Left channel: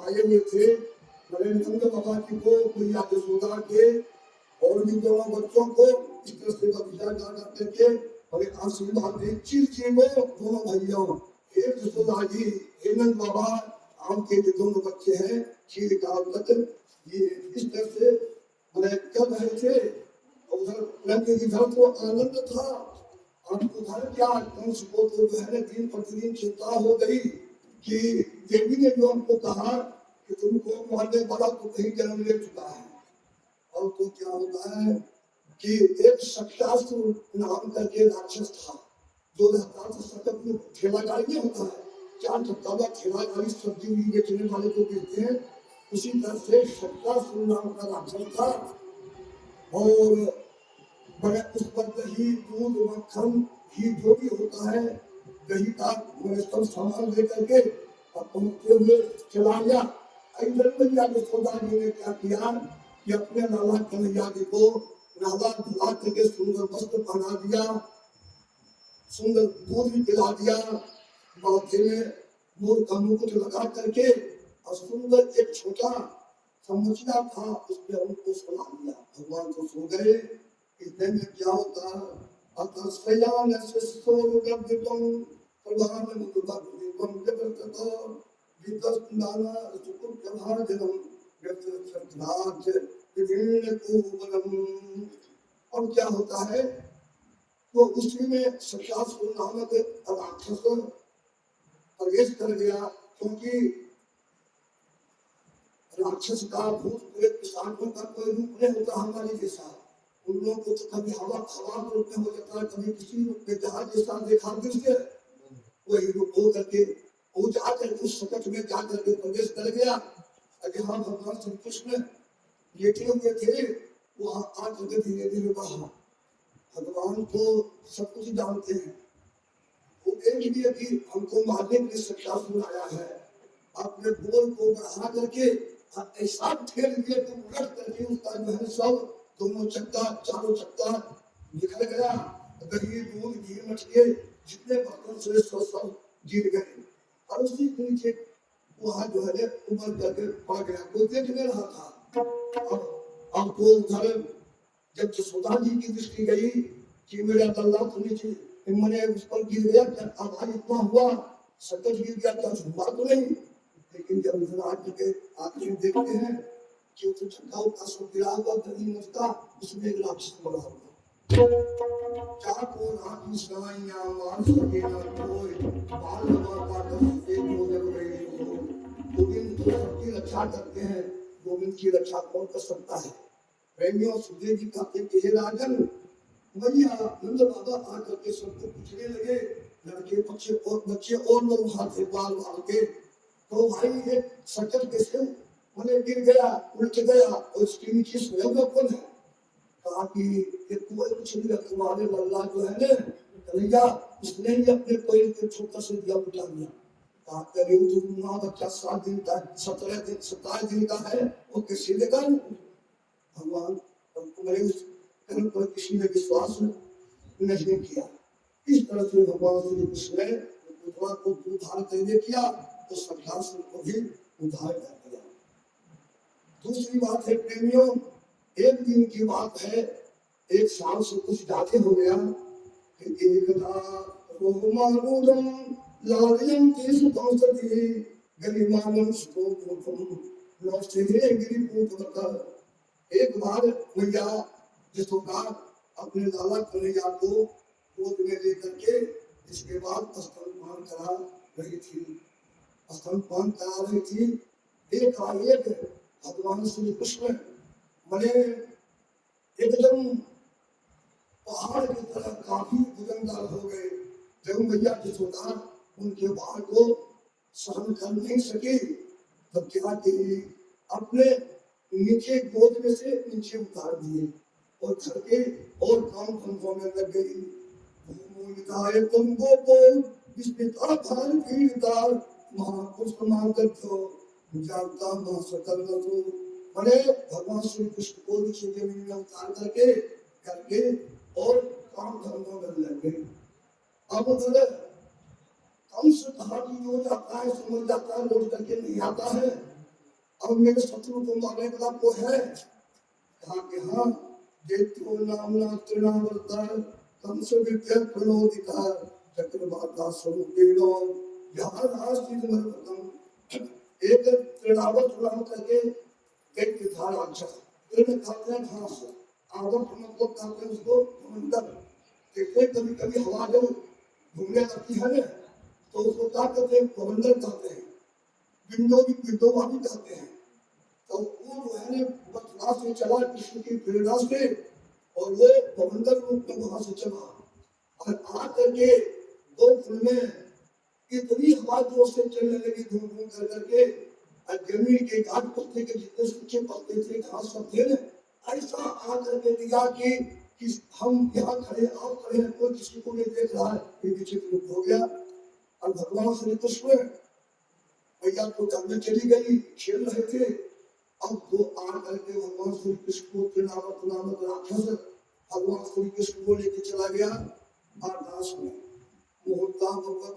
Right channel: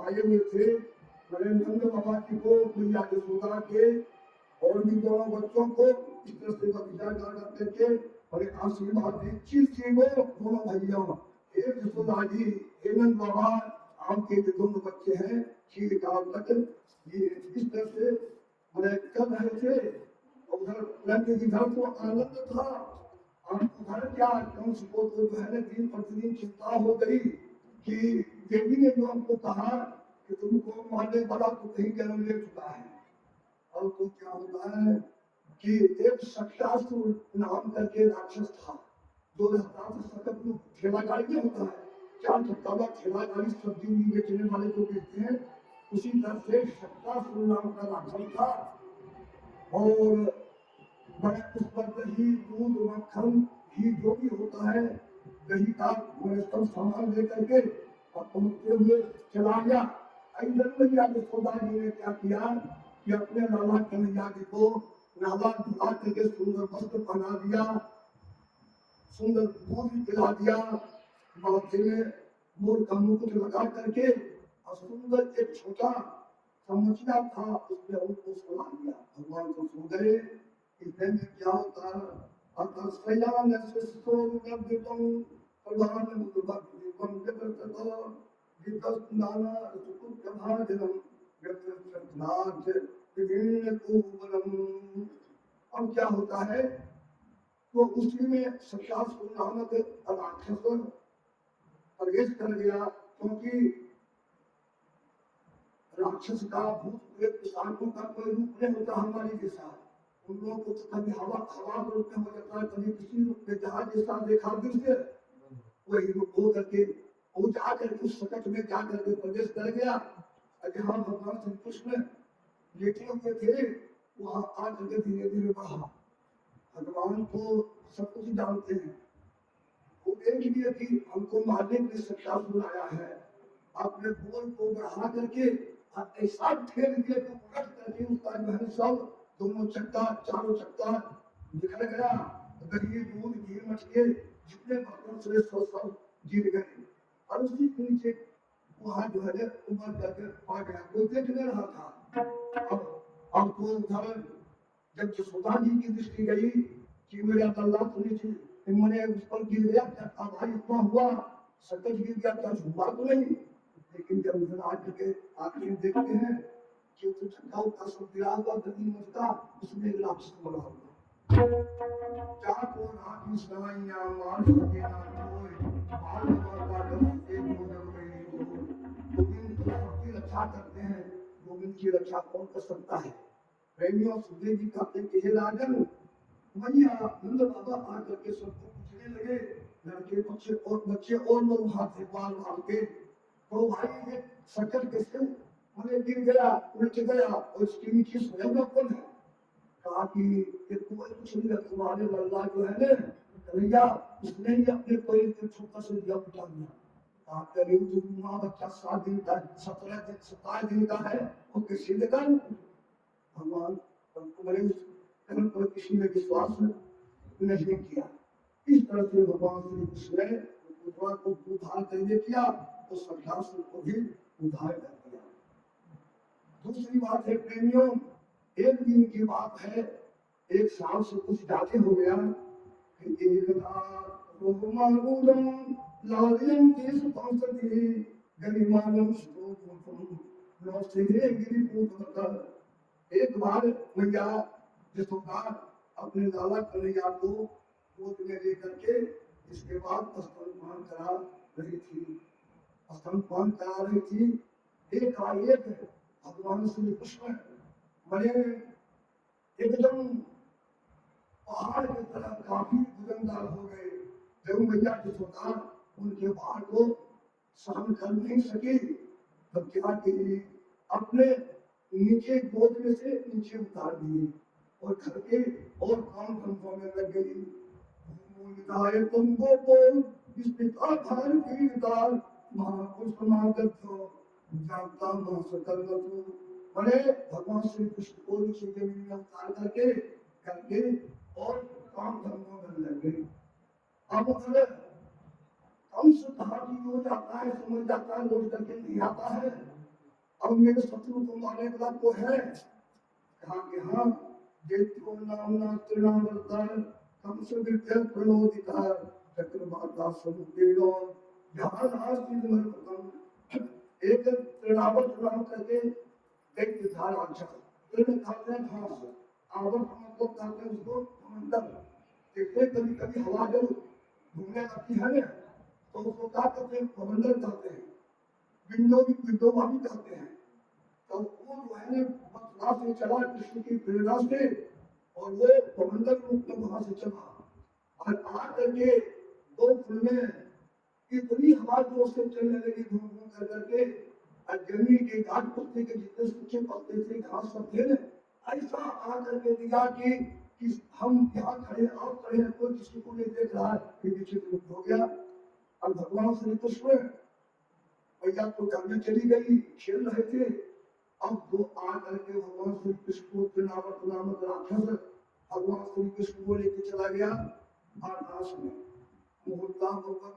आए हुए थे नरेंद्र बाबा की को मैया यशोदा के और भी दोनों बच्चों को इस तरह से बगीचा करते थे और आशीर्वाद दी चिरजीवो दोनों भैया एक यशोदा जी हेमंत बाबा आम के जो दोनों बच्चे हैं चिरकाल तक ये इस तरह से कर रहे थे। उधर लंके की धर्म को आनंद था और उधर क्या कंस को तो जो है दिन प्रतिदिन चिंता हो गई कि देवी ने जो हमको कहा कि तुमको मारने वाला तो कहीं जन्म ले चुका है। और तो क्या होता है कि एक शक्तासुर नाम का के राक्षस था जो रहता था सकत में ठेला गाड़ी में होता है चार चक्का का ठेला गाड़ी सब्जी उब्जी बेचने वाले को कहते हैं। उसी तरह से शक्तासुर नाम का राक्षस था और मगर उस पर दही दूध मक्खन घी जो भी होता है दही का मैंने सब सामान लेकर के और पहुंचते हुए चला गया। इधर भैया यशोदा जी ने क्या किया कि अपने लाला कन्हैया जी को नाला धुला करके सुंदर वस्त्र पहना दिया, सुंदर दूध भी पिला दिया, माथे में मोर का मुकुट लगा करके और सुंदर एक छोटा समझिया था उसने उनको सुला दिया। भगवान को सो गए। इतने में क्या होता है अतस्यान शिष्योर्गद्यतम प्रधान मुकुटम जगततो विदस्नाना सुकुटभाजनम यत्सत्राज विभिन्न कुबलम। अब क्या होता है तो उसी में सख्यासुर नामक राक्षस प्रवेश कर गया, क्योंकि राक्षस का भूत प्रेत पिशाचों का कोई रूप नहीं होता हमारे जैसा। उन लोगों को तो कभी हवा हवा के रूप में हो जाता है, कभी किसी रूप में जहां जैसा देखा दृश्य वही रूप हो करके वो जाकर उस सकट में जाकर के प्रवेश कर गया। जहाँ भगवान श्री कृष्ण लेटे हुए थे वहां आकर के धीरे धीरे बढ़ा। भगवान को सब कुछ जानते हैं, वो देख लिए कि हमको मारने के लिए सख्यासुर आया है, अपने बोल को बढ़ा करके ऐसा ठेल दिया कि उलट करके उसका जो है सब दोनों चक्का चारों चक्का निकल गया। दही दूध घी मछली जितने बर्तन से सब गिर गए और उसी के नीचे वहां जो है उमर करके पड़ गया। वो देख नहीं रहा था। अब तो उधर जब यशोदा जी की दृष्टि गई कि मेरा दल्ला तो नीचे मैंने उस पर गिर गया, आधार इतना हुआ सकट गिर गया, कुछ हुआ तो नहीं। लेकिन जब उधर आके आखिर देखते हैं कि उस चक्का का सब गिरा हुआ दही मचता उसमें एक राक्षस बना हुआ। क्या को राखी सनाइया मार सके न कोई, बाल बाबा दस एक हो जब रही हो। गोविंद तो सबकी रक्षा करते हैं, गोविंद की रक्षा कौन कर सकता है। प्रेमियों सुखदेव जी कहते कि हे राजन मैया नंद बाबा आकर के सबको पूछने लगे, लड़के बच्चे और लोग वहां थे बाल बाल के, तो भाई ये सकट कैसे मैंने गिर गया उलट गया और उसके नीचे स्वयं कौन है। कहा कि ये कोई कुछ नहीं, तुम्हारे लल्ला जो है ना कन्हैया उसने ही अपने पैर को छोटा से दिया उठा दिया। कहा करे तुम माँ बच्चा 7 दिन का 17 दिन का है वो कैसे देगा। भगवान तुम्हारे उस कर्म पर किसी ने विश्वास नहीं किया। इस तरह से भगवान श्री कृष्ण ने विधवा को उद्धार करने किया तो सख्यासुर को भी उद्धार कर दिया। दूसरी बात है प्रेमियों, एक दिन की बात है, एक साल से कुछ ज्यादा हो गया कि एकदा रोमानुजम लालियम केश पंचति गलिमानम स्तोत्रम नौस्ते गिरिपुत्र। एक बार मैया यशोदा अपने लाला कन्हैया को गोद में लेकर के इसके बाद स्तनपान करा रही थी, स्तनपान करा रही थी। एक भगवान श्री कृष्ण बड़े एकदम पहाड़ की तरह काफी वजनदार हो गए। जब मैया यशोदा उनके भार को सहन कर नहीं सकी तब क्या की अपने नीचे गोद में से नीचे उतार दिए और घर के और काम धंधों में लग गई। तुम गोपो विस्मिता भार पीड़िता महापुरुष मार्गो जानता महासकल वसु। बड़े भगवान श्री कृष्ण को नीचे जमीन में उतार करके करके और काम धंधों में लग गए। अब उधर कंस भाभी जो जाता है समझ जाता है लौट करके नहीं आता है। अब मेरे शत्रु को मारने वाला को है। कहा कि हाँ देत्यो नामना त्रिनावृता कंस विद्या प्रणोदिता चक्रवाता स्वरूपेण जहाँ राष्ट्रीय मर्मतम। एक त्रिनावत नाम करके एक विधान राक्षस तृण कहते हैं घास, आवर्त मतलब कहते हैं उसको मंडल। कहते कभी कभी हवा जब घूमने लगती है ना तो उसको क्या कहते हैं प्रबंधन कहते हैं, विंडोवा भी कहते हैं। तो वो जो है ना बचपना से चला कृष्ण की प्रेरणा से और वो प्रबंधन रूप में वहां से चला और आ करके 2 फुल में इतनी हवा जोर से चलने लगी घूम घूम कर करके जमीन के घाट पत्ते के जितने सूखे पत्ते थे घास सब थे ना ऐसा आ करके दिया कि कि हम यहाँ खड़े आप खड़े हैं, कोई किसी को नहीं देख रहा है, ये विचित्र रूप हो गया। और भगवान श्री कृष्ण भैया तो जब चली गई, खेल रहे थे, अब वो आ करके भगवान श्री कृष्ण को त्रिनावत नामक राक्षस भगवान श्री कृष्ण को लेके चला गया आकाश में, मुहूर्ता भगवत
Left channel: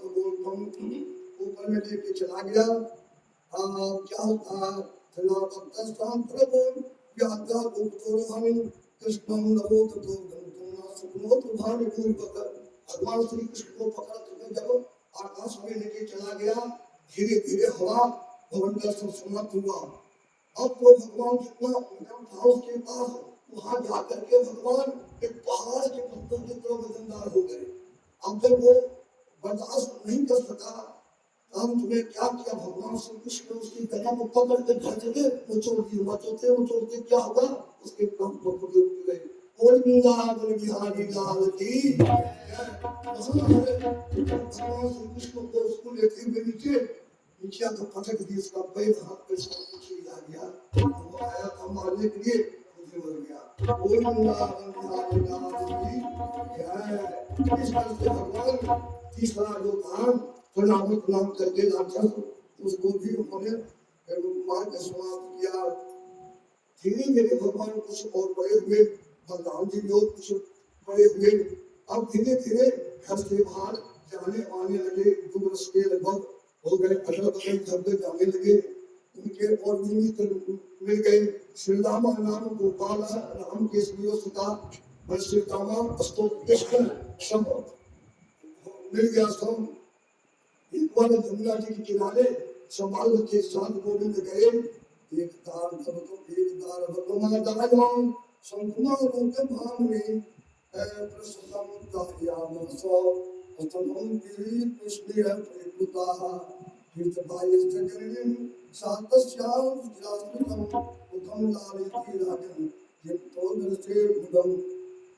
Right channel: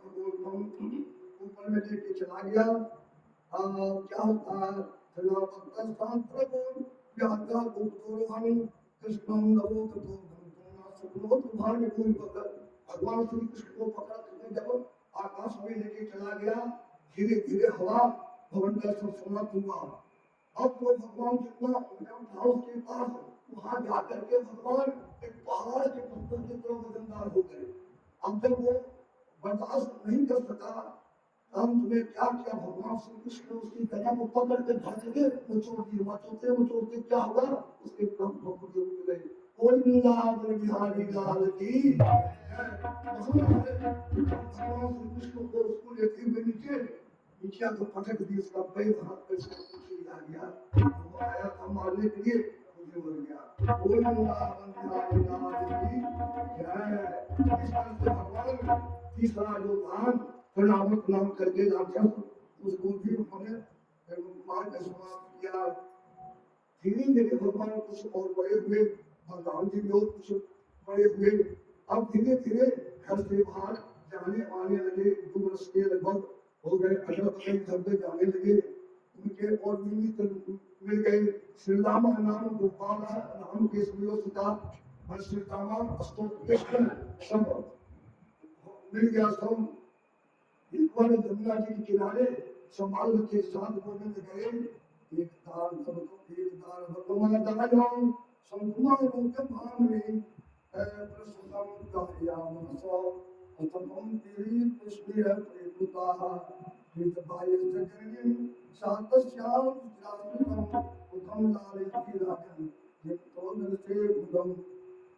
ऊपर में लेके चला गया। क्या होता त्रिनावत स्थान प्रभु व्याख्या उपतोरहं कृष्णं नमो ततो धनुना सुनो तुम्हारे पूर्वक भगवान श्री कृष्ण को पकड़ करके जब आकाश में लेके चला गया, धीरे धीरे हवा भवन का सब समाप्त हुआ। अब तो भगवान जितना था उसके पास, वहां जाकर के भगवान एक पहाड़ के पत्थर की तरह वजनदार हो गए। अब जब वो बर्दाश्त नहीं कर सका, हम तुम्हें क्या किया, भगवान श्री कृष्ण उसकी गला को पकड़ के धरते मचोते क्या हुआ, उसके प्राण पकड़ के उठ गए। बोल वृंदावन बिहारी लाल की। भगवान श्री कृष्ण को उसको लेते हुए नीचे तो पटक दी, उसका पैर हाथ पे आ गया, वो आया था मारने के लिए, मुझे बोल गया बोल वृंदावन बिहारी लाल की जय। इस तरह से भगवान तीसरा जो धाम त्रिनावत नाम करके राक्षस, उसको भी उन्होंने मार का समाप्त किया। धीरे धीरे भगवान कुछ और बड़े हुए, भगवान जी लोग कुछ बड़े हुए। अब धीरे धीरे घर से बाहर जाने आने लगे, 2 वर्ष के लगभग हो गए, अगल बगल घर जाने लगे। उनके और निमित्त मिल गए। श्री राम नाम गोपाल राम के सुता श्री रामा अस्तोत्र कृष्ण सब मिल गया। सब एक बार यमुना जी के किनारे संभाल के साथ गोविंद गए। एक दार भगवान दाराम संकुमा लोक भामने प्रसन्नम कायामसो उत्तमं पीरि पुष्टिः प्रेपुताः कृतबायस्तकर्ण्यं सातस्यां जास्मितं उत्तम लालिती राजं यतो दर्शे मुदम।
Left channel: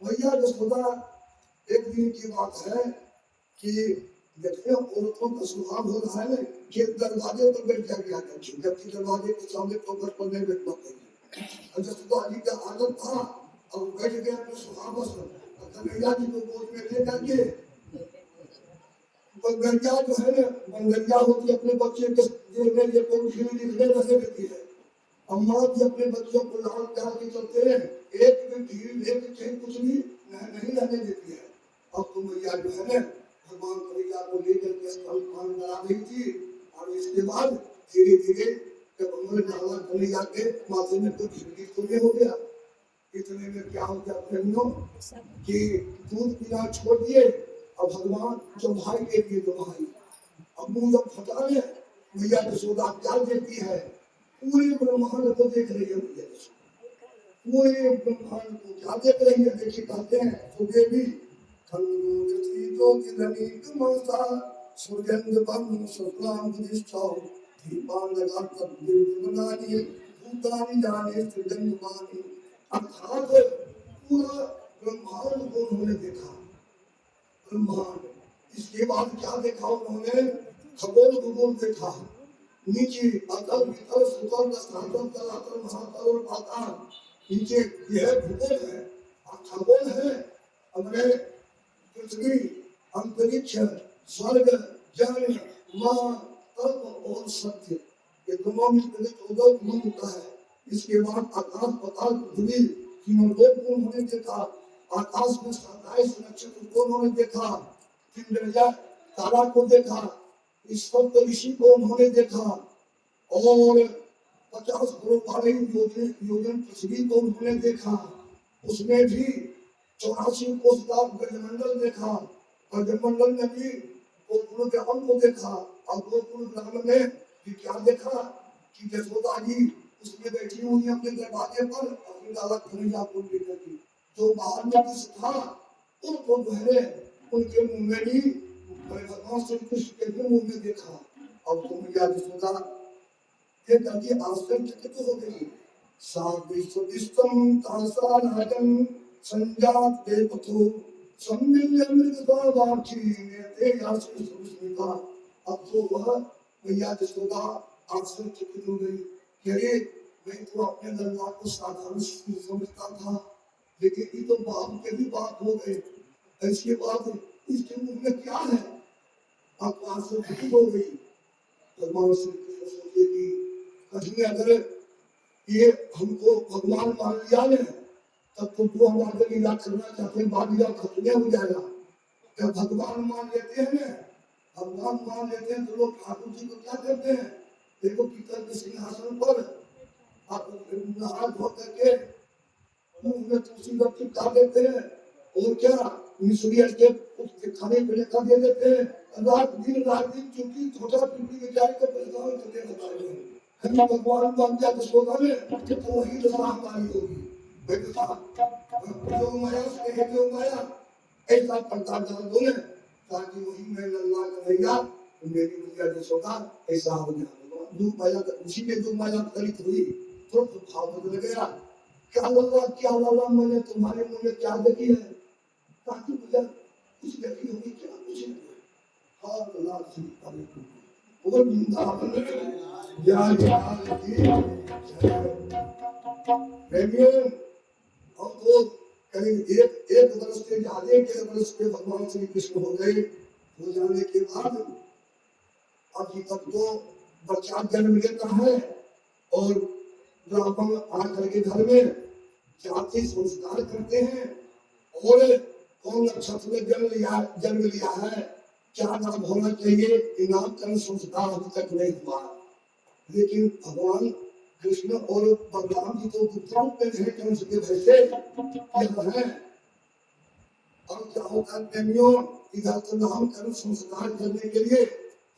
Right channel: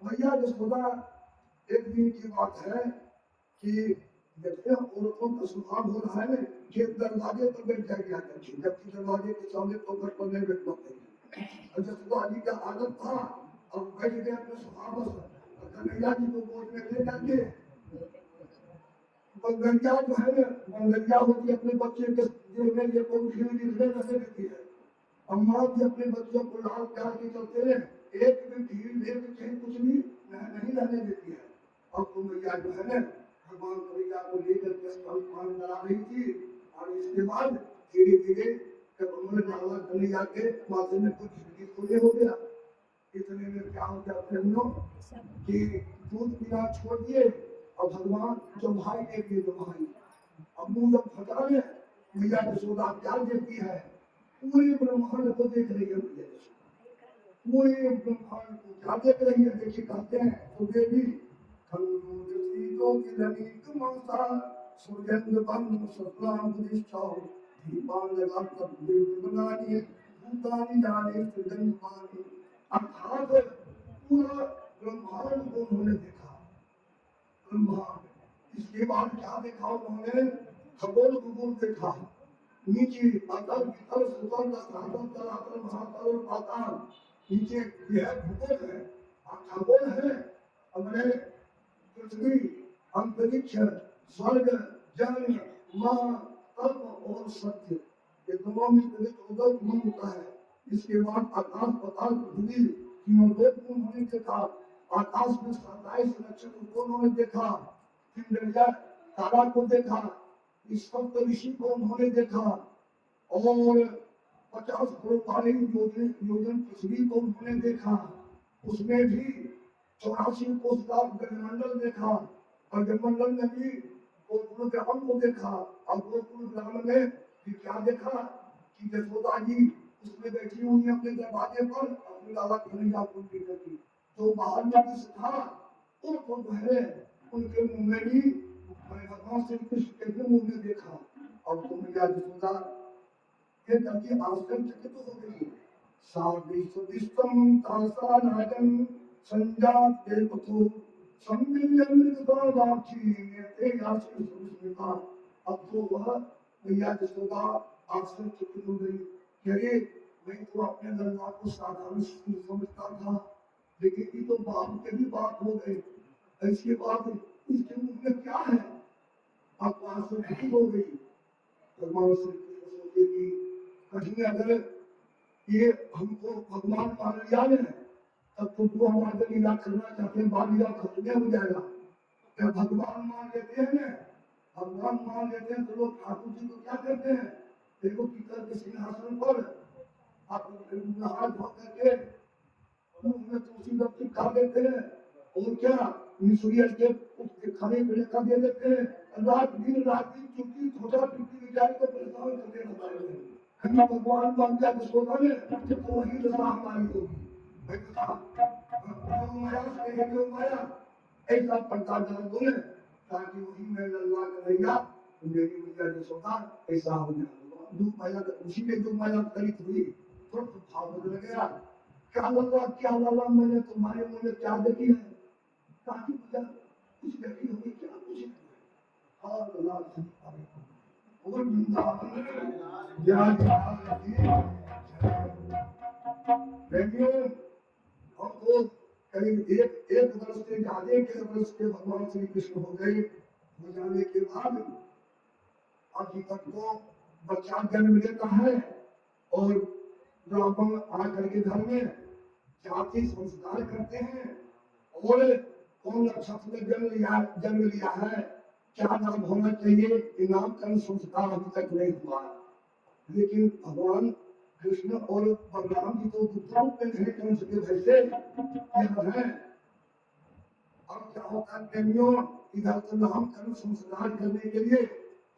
भैया जसोदा एक दिन की बात है कि देखिए औरतों का स्वभाव हो रहा है कि दरवाजे पर बैठ जाके आकर के, जबकि दरवाजे के सामने ठोकर पर नहीं बैठना चाहिए। और जसोदा जी का आदत था, अब बैठ गया अपने स्वभाव से, कन्हैया जी को गोद में ले जाके बंगरिया जो है ना, बंगरिया होती है अपने बच्चे के देह में, ये कोई धीरे धीरे रखे देती है। अम्मा भी अपने बच्चों को लाल प्यार के चलते हैं, एक भी ढील एक चैन कुछ भी नहीं रहने देती है। अब तुम भैया जो है ना भगवान कन्हैया को लेकर के स्तन करा रही थी, और इसके बाद धीरे धीरे जब उन्होंने डाला कन्हैया के माथे में तो झिल्ली खुले हो गया। इतने में क्या हो गया बहनों कि दूध पीना छोड़ दिए और भगवान चौभाई के लिए दवाई। अब मुंह जब फटा ले भैया यशोदा क्या देखती है, पूरे ब्रह्मांड को देख रही है भैया यशोदा, पूरे ब्रह्मांड को क्या देख रही है। देखिए कहते हैं तो देवी खंडोजति ज्योतिधनी कमसा सूर्यंग बंधु सप्लाम दिशाओ दीपान लगा तब देवनानी भूतानि जाने सृजनवानी। अर्थात पूरा ब्रह्मांड को उन्होंने देखा, ब्रह्मांड। इसके बाद क्या देखा उन्होंने, खगोल खगोल देखा, नीचे अतल वितल सुतल स्थान तलातल महातल और पाताल, नीचे यह भूगोल है, खगोल है, हमने पृथ्वी अंतरिक्ष स्वर्ग जल माँ तत्व और सत्य, ये दोनों में 14 गुण होता है। इसके बाद आकाश पाताल पृथ्वी तीनों लोक को उन्होंने देखा, आकाश में 27 नक्षत्र को उन्होंने देखा, इंद्रिया तारा को देखा, इस सप्त ऋषि को उन्होंने देखा, और 50 करोड़ 12 योजन पृथ्वी को उन्होंने देखा। उसमें भी 84 कोस का ब्रह्मंडल देखा, और ब्रह्मंडल में भी गोकुल ग्राम को देखा। और गोकुल ग्राम में भी क्या देखा कि यशोदा जी उसमें बैठी हुई अपने दरवाजे पर अपने लाला कन्हैया को लेकर के, जो बाहर में किस था उनको जो है उनके मुंह में भी भगवान श्री कृष्ण के भी मुंह में देखा। और कन्हैया यशोदा ये करके आश्चर्यचकित हो गई। साविष्टम तासा राजन संजात के पथो सम्मिल्य मृगदावाची नेते यासी सुस्मिता। अब तो वह भैया यशोदा आश्चर्यचकित हो गई। अरे मैं तो अपने लल्ला को साधारण समझता था, लेकिन ये तो बाप के भी बात हो गए, ऐसी बात इसके मुंह में क्या है? अब आंसू ठीक हो गई। भगवान श्री कृष्ण सोचे कि कहीं अगर ये हमको भगवान मान लिया है तब तो हमारे लीला करना चाहते हैं, बाद लीला खत्म हो जाएगा। जब भगवान मान लेते हैं ना, भगवान मान लेते हैं तो लोग ठाकुर जी को क्या करते हैं, देखो पीतल के सिंहासन पर आप नहा धो करके मुंह में तुलसी का चिपका देते हैं और क्या मिश्री के खाने पीने का दे देते हैं। रात दिन चूंकि छोटा पीपी के जाए तो परेशान करते रहता है। कहीं भगवान मान जाए तो सोता में तो वही दशा हमारी होगी। बेटा जो माया स्नेह जो माया ऐसा पंता डाल दो ना ताकि वही मैं लल्ला कन्हैया मेरी मैया जो सोता ऐसा हो जाए। जो माया उसी में जो माया कलित हुई तो भाव बदल गया। क्या लल्ला मैंने तुम्हारे मुंह में क्या देखी है? ताकि मुझे कुछ देखी होगी क्या? कुछ नहीं। हाँ लल्ला और वृंदावन ज्ञान की हम तो करीब एक वर्ष के आगे के वर्ष के भगवान श्री कृष्ण हो गए। हो जाने के बाद अभी तक तो बच्चा जन्म लेता है और ब्राह्मण आकर के घर में जाति संस्कार करते हैं और कौन नक्षत्र में जन्म लिया है, क्या नाम होना चाहिए, नामकरण संस्कार अभी तक नहीं हुआ। लेकिन भगवान कृष्ण और बलराम जी तो पुत्रों में नहीं कंस के वैसे यह है। अब क्या होता है प्रेमियों, इधर तो नामकरण संस्कार करने के लिए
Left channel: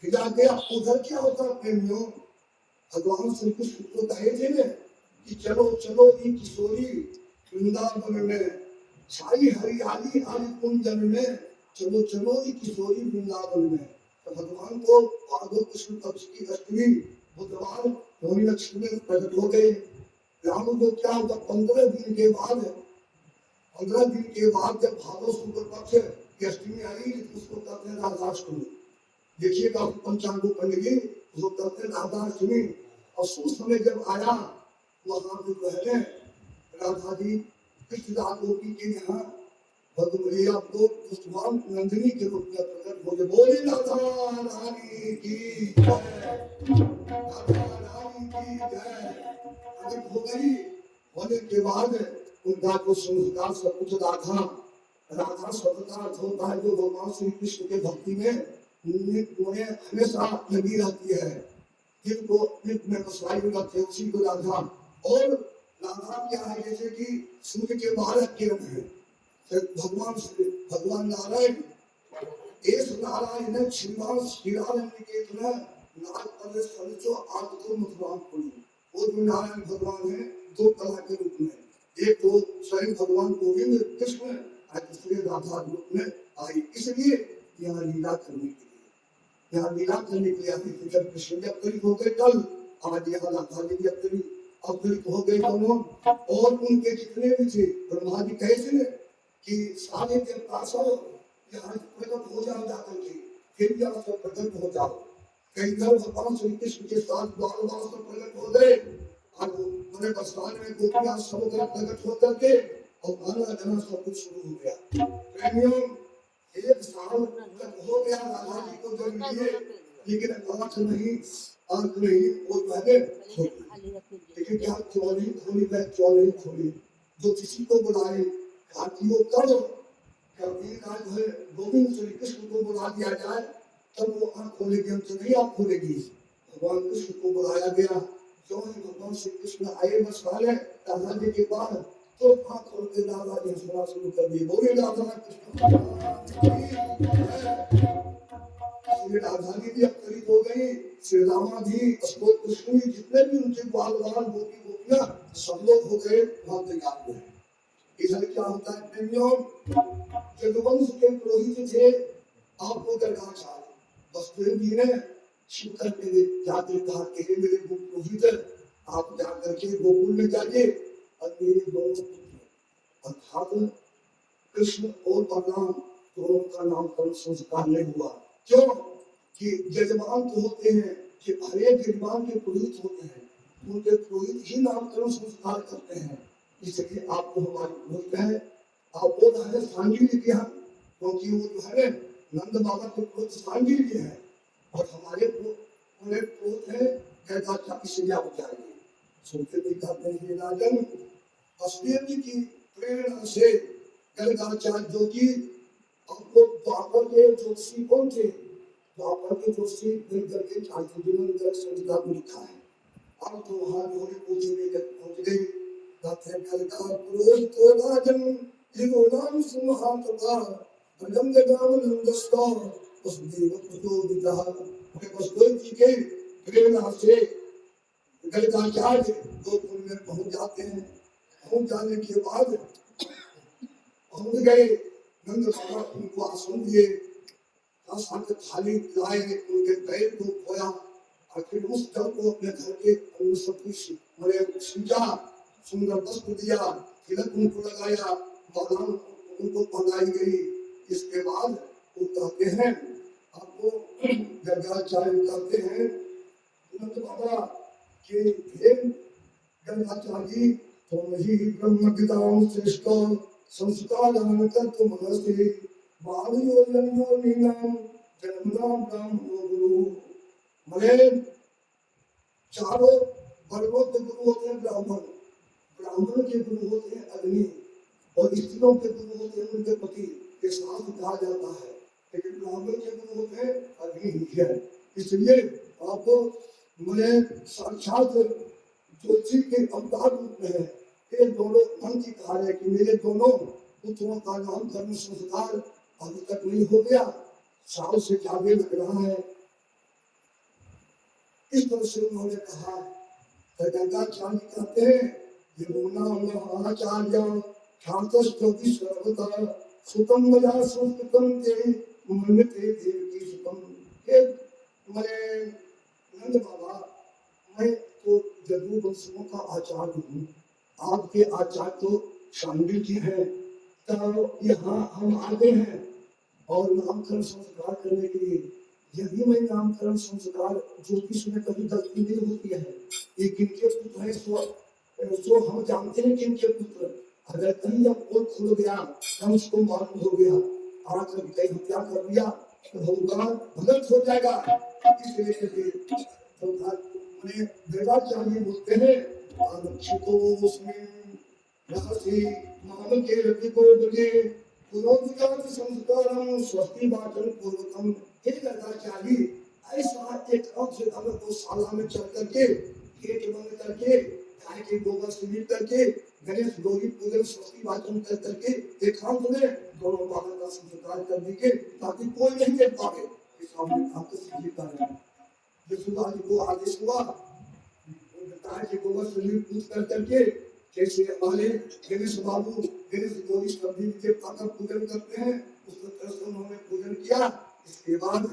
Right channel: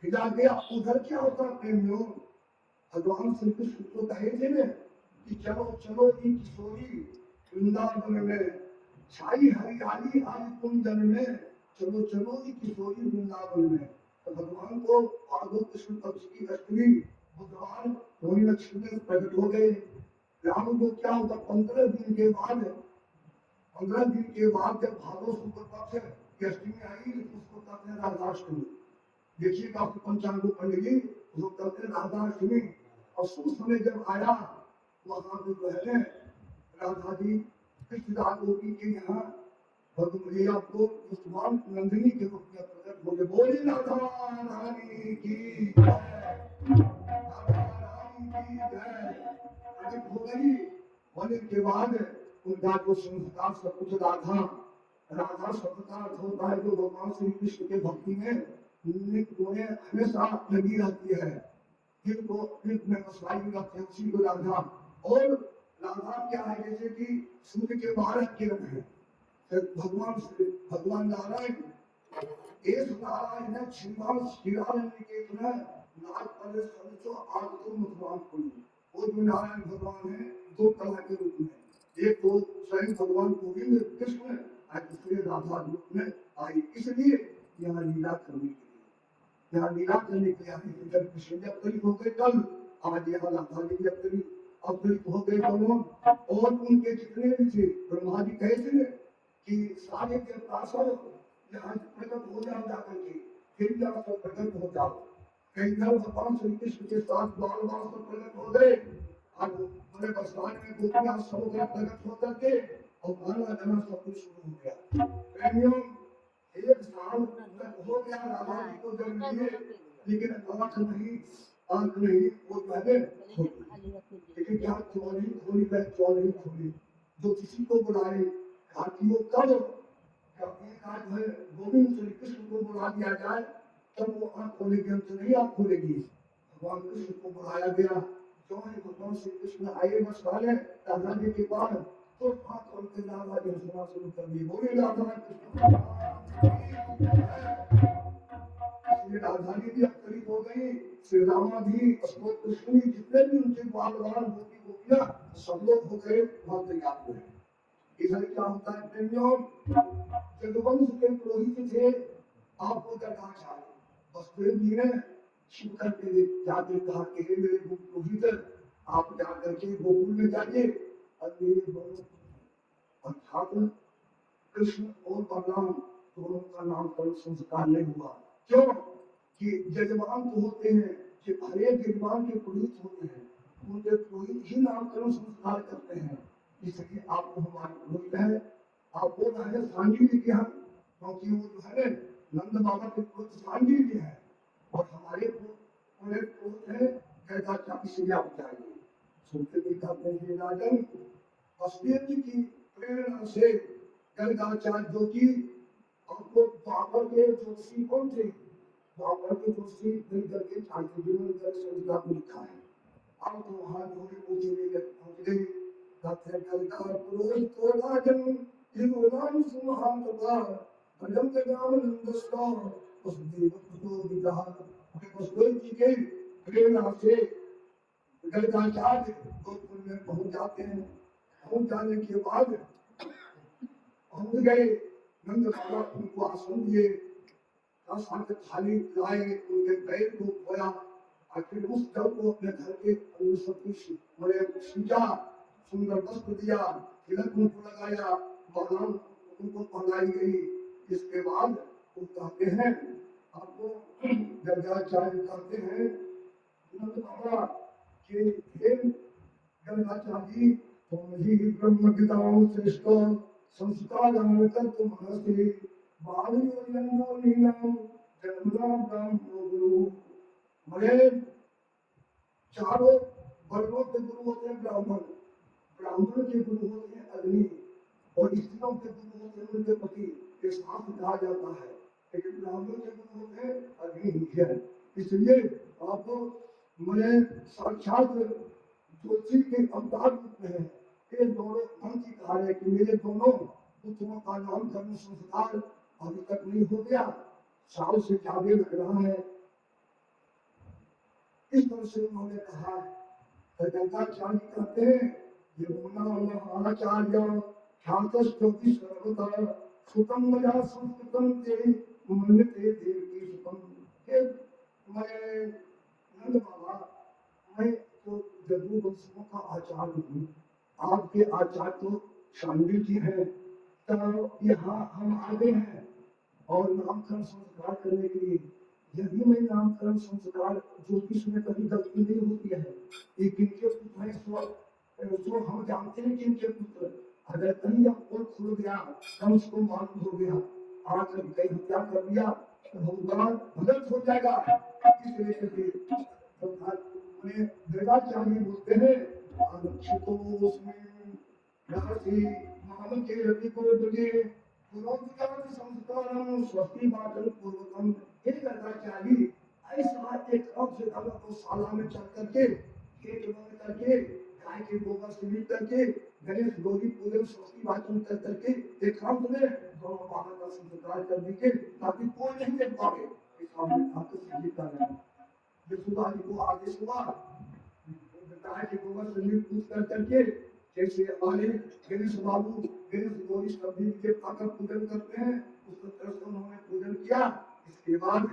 भेजा गया, उधर क्या होता है प्रेमियों, भगवान श्री कृष्ण को कहे थे ना कि चलो चलो ये किशोरी वृंदावन में छाई हरियाली आदि कुंजन में, चलो चलो ये किशोरी वृंदावन में। तो भगवान को भागवत कृष्ण पक्ष की अष्टमी बुधवार होली लक्ष्मी में प्रकट हो गए। राम को क्या होता 15 दिन के बाद, 15 दिन के बाद जब भादव शुक्ल पक्ष की अष्टमी आई उसको कहते हैं राधाष्टमी। देखिएगा पंचांग पंडित उसको कहते हैं राधाष्टमी। और उस समय जब आया वहां को पहले राधा जी कृष्ण गोपी के यहाँ भगवती आपको भगवान नंदिनी के रूप में प्रकट हो गए। बोले राधा रानी की हो गई। होने के बाद उनका को संस्कार सब कुछ राधा शब्द होता है जो भगवान श्री कृष्ण के भक्ति में हमेशा लगी रहती है, जिनको में बसाई रहते उसी को राधा। और राधा क्या है, जैसे कि सूर्य के 12 किरण है, भगवान नारायण एस नारायण है श्रीमान श्रीराम के इतना नाग पद संचो आगतो मथुरान पुरी। वो जो नारायण भगवान है दो कला के रूप में, एक तो स्वयं भगवान गोविंद कृष्ण और दूसरे राधा रूप में आई। इसलिए यहाँ लीला करने के लिए, यहाँ लीला करने के लिए अभी जब कृष्ण जब करीब हो गए कल, आज यहाँ राधा जी जब करीब हो गए दोनों। और उनके जितने भी थे ब्रह्मा जी कहे थे कि सारे देवता सब यहाँ प्रकट हो जाओ जाकर के, फिर यहाँ सब प्रकट हो जाओ। कई बार भगवान श्री कृष्ण के साथ बार सब प्रकट हो गए। अब बड़े बरसात में गोपियां सब प्रकट हो करके और गाना गाना सब कुछ शुरू हो गया। प्रेमियों एक साल तक हो गया राधा जी को जन्म लिए, लेकिन आंख नहीं वो पहले खोली, लेकिन क्या चौली खोली। जो किसी को बुलाए घाटियों करो, कभी आज है गोविंद श्री कृष्ण को बुला दिया जाए तब वो आंख खोलेगी, हमसे नहीं आंख खोलेगी। भगवान कृष्ण को बुलाया गया, क्यों है भगवान श्री कृष्ण आए बस वाले राधा जी के बाद तो आंख खोलते राधा जी सेवा शुरू कर दी। बोले राधा कृष्ण राधा जी भी करीब हो गई, श्री रामा भी कृष्ण जितने भी उनके बाल गोपी गोपियां सब लोग हो गए वहां तैयार हुए। इधर क्या होता है प्रेमियों, जगवंश के पुरोहित थे आपको दरगाह चाहिए, वसुदेव जी ने शिवकर के जाते कहा कि मेरे पुरोहित आप जाकर के गोकुल में जाइए और मेरे दोनों पुत्र अर्थात कृष्ण और बलराम दोनों का नामकरण संस्कार नहीं हुआ। क्यों कि यजमान तो होते हैं कि हर एक यजमान के पुरोहित होते हैं, उनके पुरोहित ही नामकरण संस्कार करते हैं। इसलिए आपको हमारी जरूरत है। आप बोल रहे हैं सांगिल्य की, हम क्योंकि वो जो है नंद बाबा के पुत्र सांगिल्य है और हमारे पूरे पुत्र है कैदाचा, इसलिए आप जाएंगे। सुनते भी जाते हैं राजन वसुदेव जी की प्रेरणा से कैदाचार्य जो कि आपको द्वापर के ज्योतिषी कौन थे, द्वापर के ज्योतिषी मिलकर के चाणक्य जी ने संहिता को लिखा है। अब तो वहां होने पूछे में पहुंच गई दाते कलकार पुरोहित तो राजन इनो नाम सुमहान का भजन के नाम नंदस्ता उस देव तो विदा के बस कोई जी के प्रेरणा से गलकाचार्य गोकुल में पहुंच जाते हैं। पहुंच जाने के बाद पहुंच गए नंद बाबा उनको आसन दिए, साथ थाली लाए, उनके पैर को धोया, फिर उस जल को अपने घर के अंदर सब कुछ बड़े सींचा, सुंदर वस्त्र दिया, तिलक उनको लगाया, मालाएं उनको पहनाई गई। इसके बाद वो कहते हैं आपको गंगाचार्य कहते हैं नंद बाबा कि हे गंगाचार्य तुम ही ब्रह्म विद्वान श्रेष्ठ संस्कार कर्तु मनसे वाणियो यन्यो नीनाम जन्मनाम ब्रह्म गुरु। मरे चारों वर्णों के गुरु होते हैं ब्राह्मण, ब्राह्मण के गुरु होते हैं अग्नि और स्त्रियों के गुरु होते हैं उनके पति, ये साथ कहा जाता है। लेकिन ब्राह्मण के गुरु होते हैं अग्नि ही है। इसलिए आपको मैंने साक्षात ज्योतिषी के अवतार रूप में है। ये दोनों मन की कहा है कि मेरे दोनों पुत्रों का नाम धर्म संस्कार अभी तक नहीं हो गया, साल से ज्यादा लग रहा है। इस तरह से उन्होंने कहा। गंगाचार्य कहते हैं ये महाचार्य ख्यातस्तोति सर्वदा सुतम मया संस्कृतम ते मन्यते देवी सुतम। हे मैं नंद बाबा, मैं तो जदू वंशों का आचार्य हूँ, आपके आचार्य तो शांडिल जी है। तो यहाँ हम आते हैं और नामकरण संस्कार करने के लिए। यदि मैं नामकरण संस्कार ज्योतिष में कभी गलती नहीं होती है, ये किनके पुत्र है सो हम जानते हैं किनके पुत्र। अगर कहीं अब पोल खुल गया, हम उसको मालूम हो गया, आज कभी कहीं हत्या कर दिया तो बहुत बड़ा गलत हो जाएगा। इसलिए तो हमें वेदाचार्य बोलते हैं मानव के रवि को बने पुरोहित संस्कारम स्वस्ति वाचन पूर्वकम। हे गंगाचार्य, ऐसा एक से गौशाला में चल करके खेत बन करके गाय के गोबर से लीप करके गणेश गौरी पूजन स्वस्ति वाचन कर करके एकांत में दोनों बाबा का संस्कार कर दीजिए ताकि कोई नहीं देख पाए। इस यशोदा जी को आदेश हुआ गाय के गोबर से लीप पूज कर करके जैसे हमारे गणेश बाबू गणेश गौरी सभी के पाकर पूजन करते हैं, उसको तरह उन्होंने पूजन किया। इसके बाद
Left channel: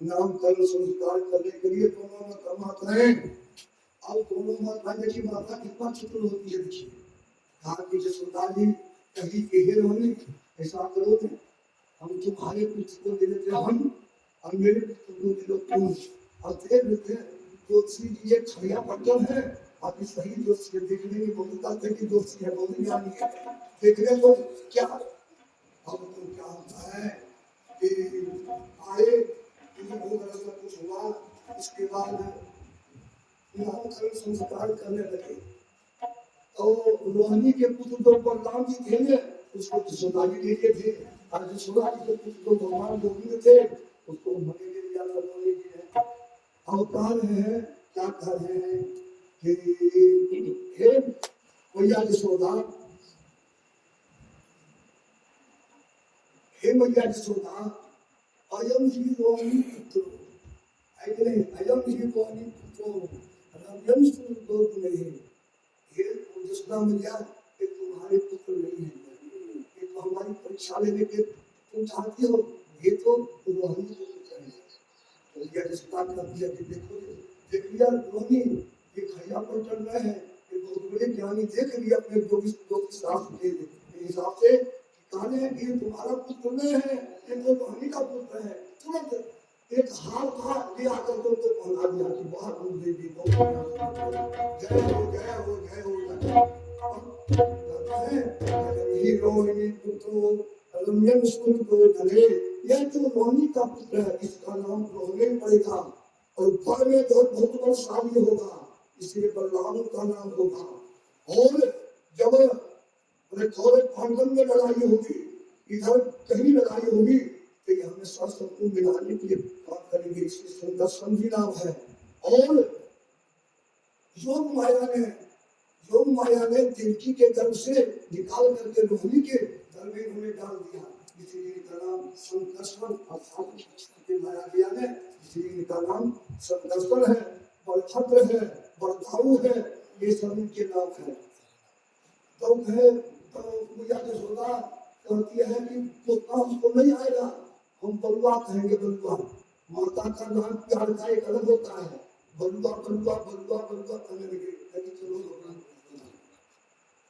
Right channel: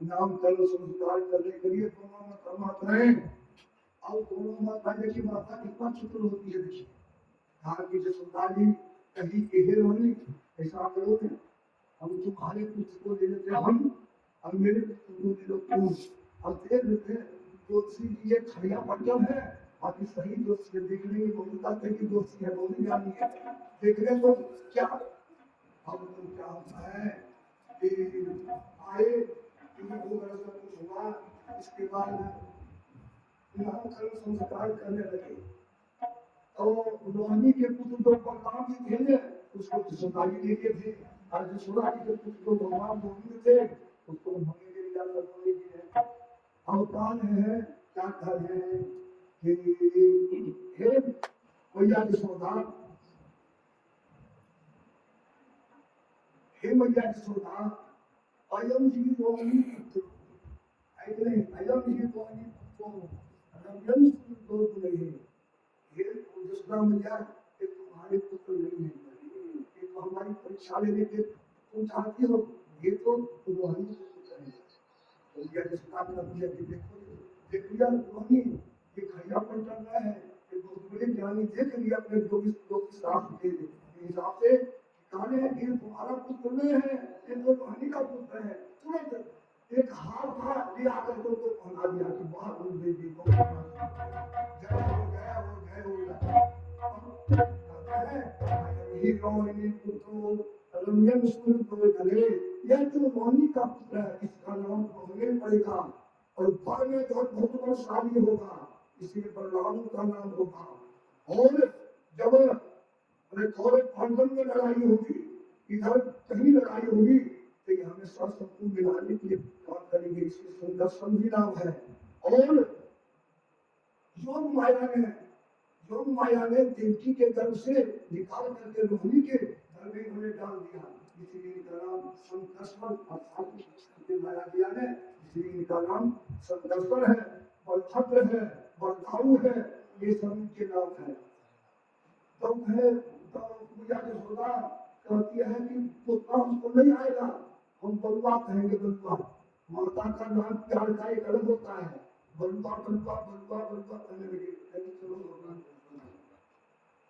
नामकरण संस्कार करने के लिए दोनों माताएं, अब दोनों माताएं की माता कितना चतुर होती है। देखिए कहा कि यशोदा जी कहीं कहे रोनी ऐसा करो थे, हम तुम्हारे पुत्र को दे देते हम और मेरे पुत्र को दे दो तुम। और देख लेते ज्योतिषी जी ये छड़िया पट्टन है, आप इस सही ज्योतिषी देखने में बहुत आते कि ज्योतिषी है बहुत ज्ञानी है। देखने को क्या अब तो क्या होता है कि आए बहुत कुछ हुआ। इसके बाद नामकरण संस्कार करने लगे और रोहिणी के पुत्र जो बलराम जी थे उसको यशोदा जी ले लिए थे, और यशोदा जी के पुत्र जो बलराम गोविंद थे उसको उन्होंने ले लिया। रोहिणी जी ने अवतार है क्या कह रहे हैं कि हे मैया यशोदा, हे मैया यशोदा, अयम ही रोहिणी पुत्र अयम ही रोहिणी पुत्र रम्यम सुंदर नहीं। ये यशोदा मैया ये तुम्हारे पुत्र नहीं है, ये तो हमारी परीक्षा लेने के तुम चाहती हो, ये तो रोहिणी को पुत्र है। तो मैया यशोदा कर दिया कि देखो देख लिया रोहिणी ये खैया पर चल रहा है, ये बहुत बड़े ज्ञानी देख लिया अपने ज्योतिष शास्त्र के हिसाब से कहने हैं कि तुम्हारा पुत्र नहीं है, ये तो रोहिणी का पुत्र है। तुरंत एक हार था ले आकर को पहना दिया कि बाहर बोल दे दी तो जय हो जय हो जय हो। रोहिणी पुत्रो रम्यम स्मृतो धने, यह जो रोहिणी का पुत्र है इसका नाम रोहिणी पड़ेगा और घर में बहुत बहुत बलशाली होगा, इसलिए बलराम का नाम होगा। और जब कौरव पांडव में लड़ाई होगी, इधर कहीं लड़ाई होगी तो ये हमेशा सबको मिलाने के लिए काम करेंगे, इसलिए सुंदर समझी नाम है। और योग माया ने देवकी के गर्भ से निकाल करके रोहिणी के गर्भ में उन्हें डाल दिया, इसलिए इनका नाम संकर्षण और लाया गया है, इसलिए इनका नाम संकर्षण है, बलभद्र है, बलदाऊ है, ये सब इनके नाम है। तो है तो पूजा के सोदा कहती है कि पुत्र हमको नहीं आएगा, हम बलुआ कहेंगे, बलुआ। माता का नाम प्यार का एक अलग होता है, बलुआ बलुआ बलुआ बलुआ कहने लगे, चलो भगवान।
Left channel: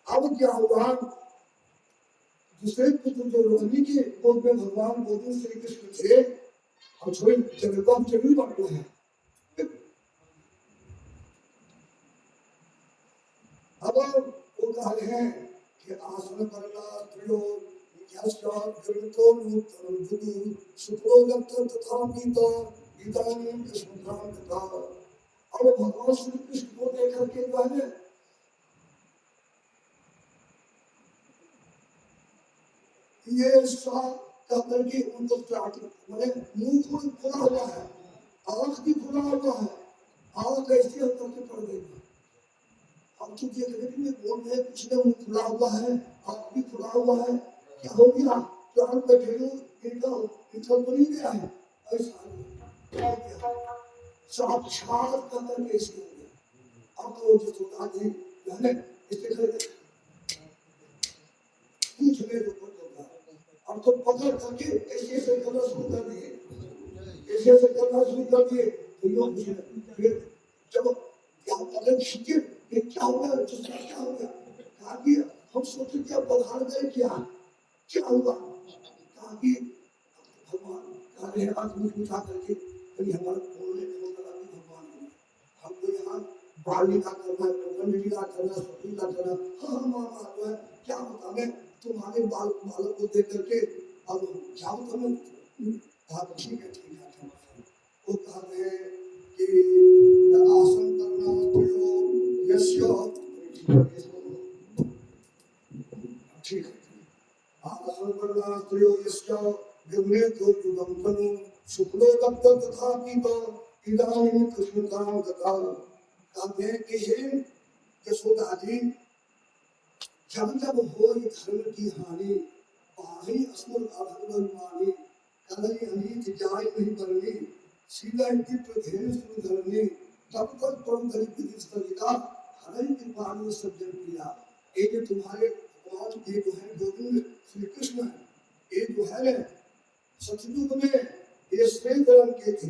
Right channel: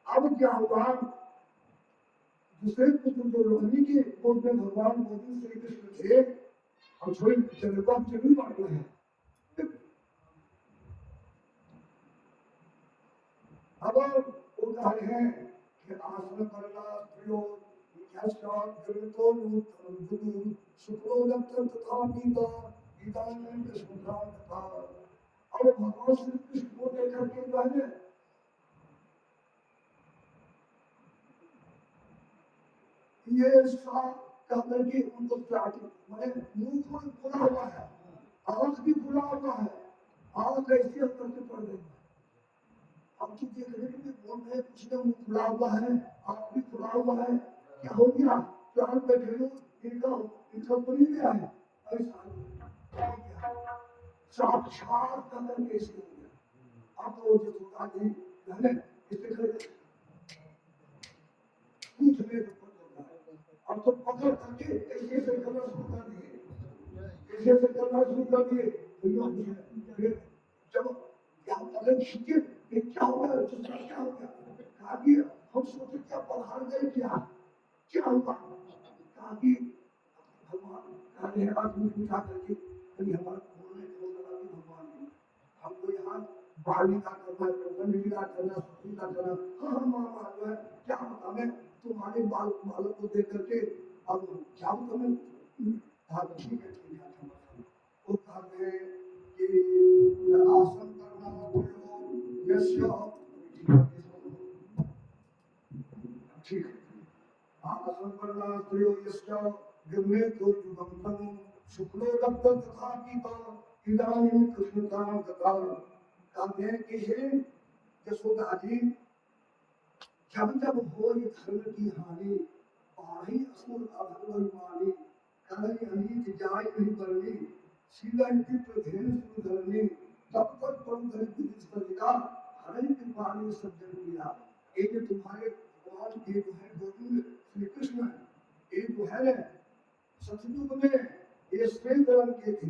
अब क्या हुआ, दूसरे पुत्र जो रोहिणी के गोद में भगवान गोविंद श्री कृष्ण थे, और थोड़ी जगह जरूर बांटना है। अब वो कह रहे हैं कि आसन करना प्रियो तो सुप्रो लक्षण तथा पीता इदानीं कृष्णराम तथा। अब भगवान श्री कृष्ण को देखकर के कहने ये सा कहकर के उनको चाट मैंने मुंह खुला हुआ है, आंख भी खुला हुआ है, आंख ऐसी होकर के पड़ गई है। हम तो देख रहे हैं बोल रहे कुछ ने मुंह खुला हुआ है, आंख भी खुला हुआ है, क्या हो गया, क्या हम बैठे इनका तो नहीं गया है, ऐसा साक्षात कहकर के ऐसे हो गया। अब तो जो सुधा जी मैंने इसे पूछने को अब तो पकड़ करके ऐसे से करना शुरू कर दिए, ऐसे से करना शुरू कर दिए। फिर जब क्या पकड़ खींचे, क्या हो गया, क्या हो गया, कहा कि हम सोचे क्या पधार गए, क्या हुआ, कहा कि भगवान कह रहे आदमी उठा करके कहीं हमारा फोन नहीं फोन लगा के भगवान को हमको यहाँ बाली का करना, टोकन का करना, सब्जी का करना। हाँ मामा जो है क्या होता है तुम्हारे बालक को देख करके अब क्या होता है, ठीक है वो कहते हैं कि आसन करना ठीक है, आसन करना प्रियो यस्य विमने तो जुगंतनु शुक्लो दत्त तथा पीता इदानीं कृष्णकाम तथा। कहते हैं कि हे यशोदा जी, जब जब हो धर्म की हानि, बाही असुर अभगवन मानी, कलई अनीत जाय नहीं बरनी, सीधा इति प्रधेन सुन धरनी, तब तक परम दरिद्र स्थगिता, हरि कृपाणि सज्जन प्रिया। ये जो तुम्हारे भगवान ये जो है गोविंद श्री कृष्ण, ये जो है सतयुग में ये श्वेत रंग के थे,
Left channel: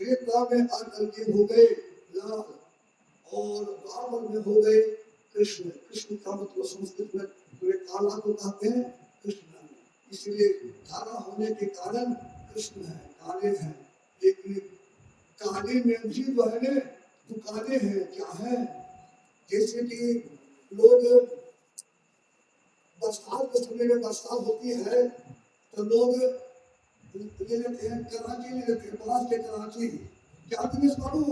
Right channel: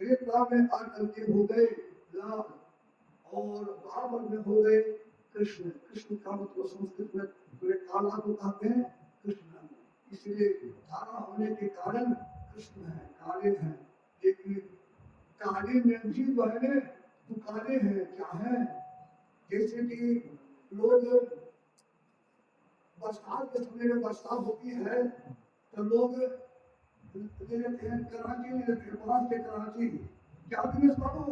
श्वेत में आकर के हो गए लाल, और बाबर में हो गए कृष्ण। कृष्ण का मतलब संस्कृत में पूरे काला को कहते हैं कृष्ण, इसलिए काला होने के कारण कृष्ण है, काले हैं। लेकिन काले में भी जो है ना दुकाने हैं, क्या है, जैसे कि लोग बरसात के समय में बरसात होती है तो लोग ले लेते हैं कराची, ले लेते हैं पास के कराची, क्या दिनेश बाबू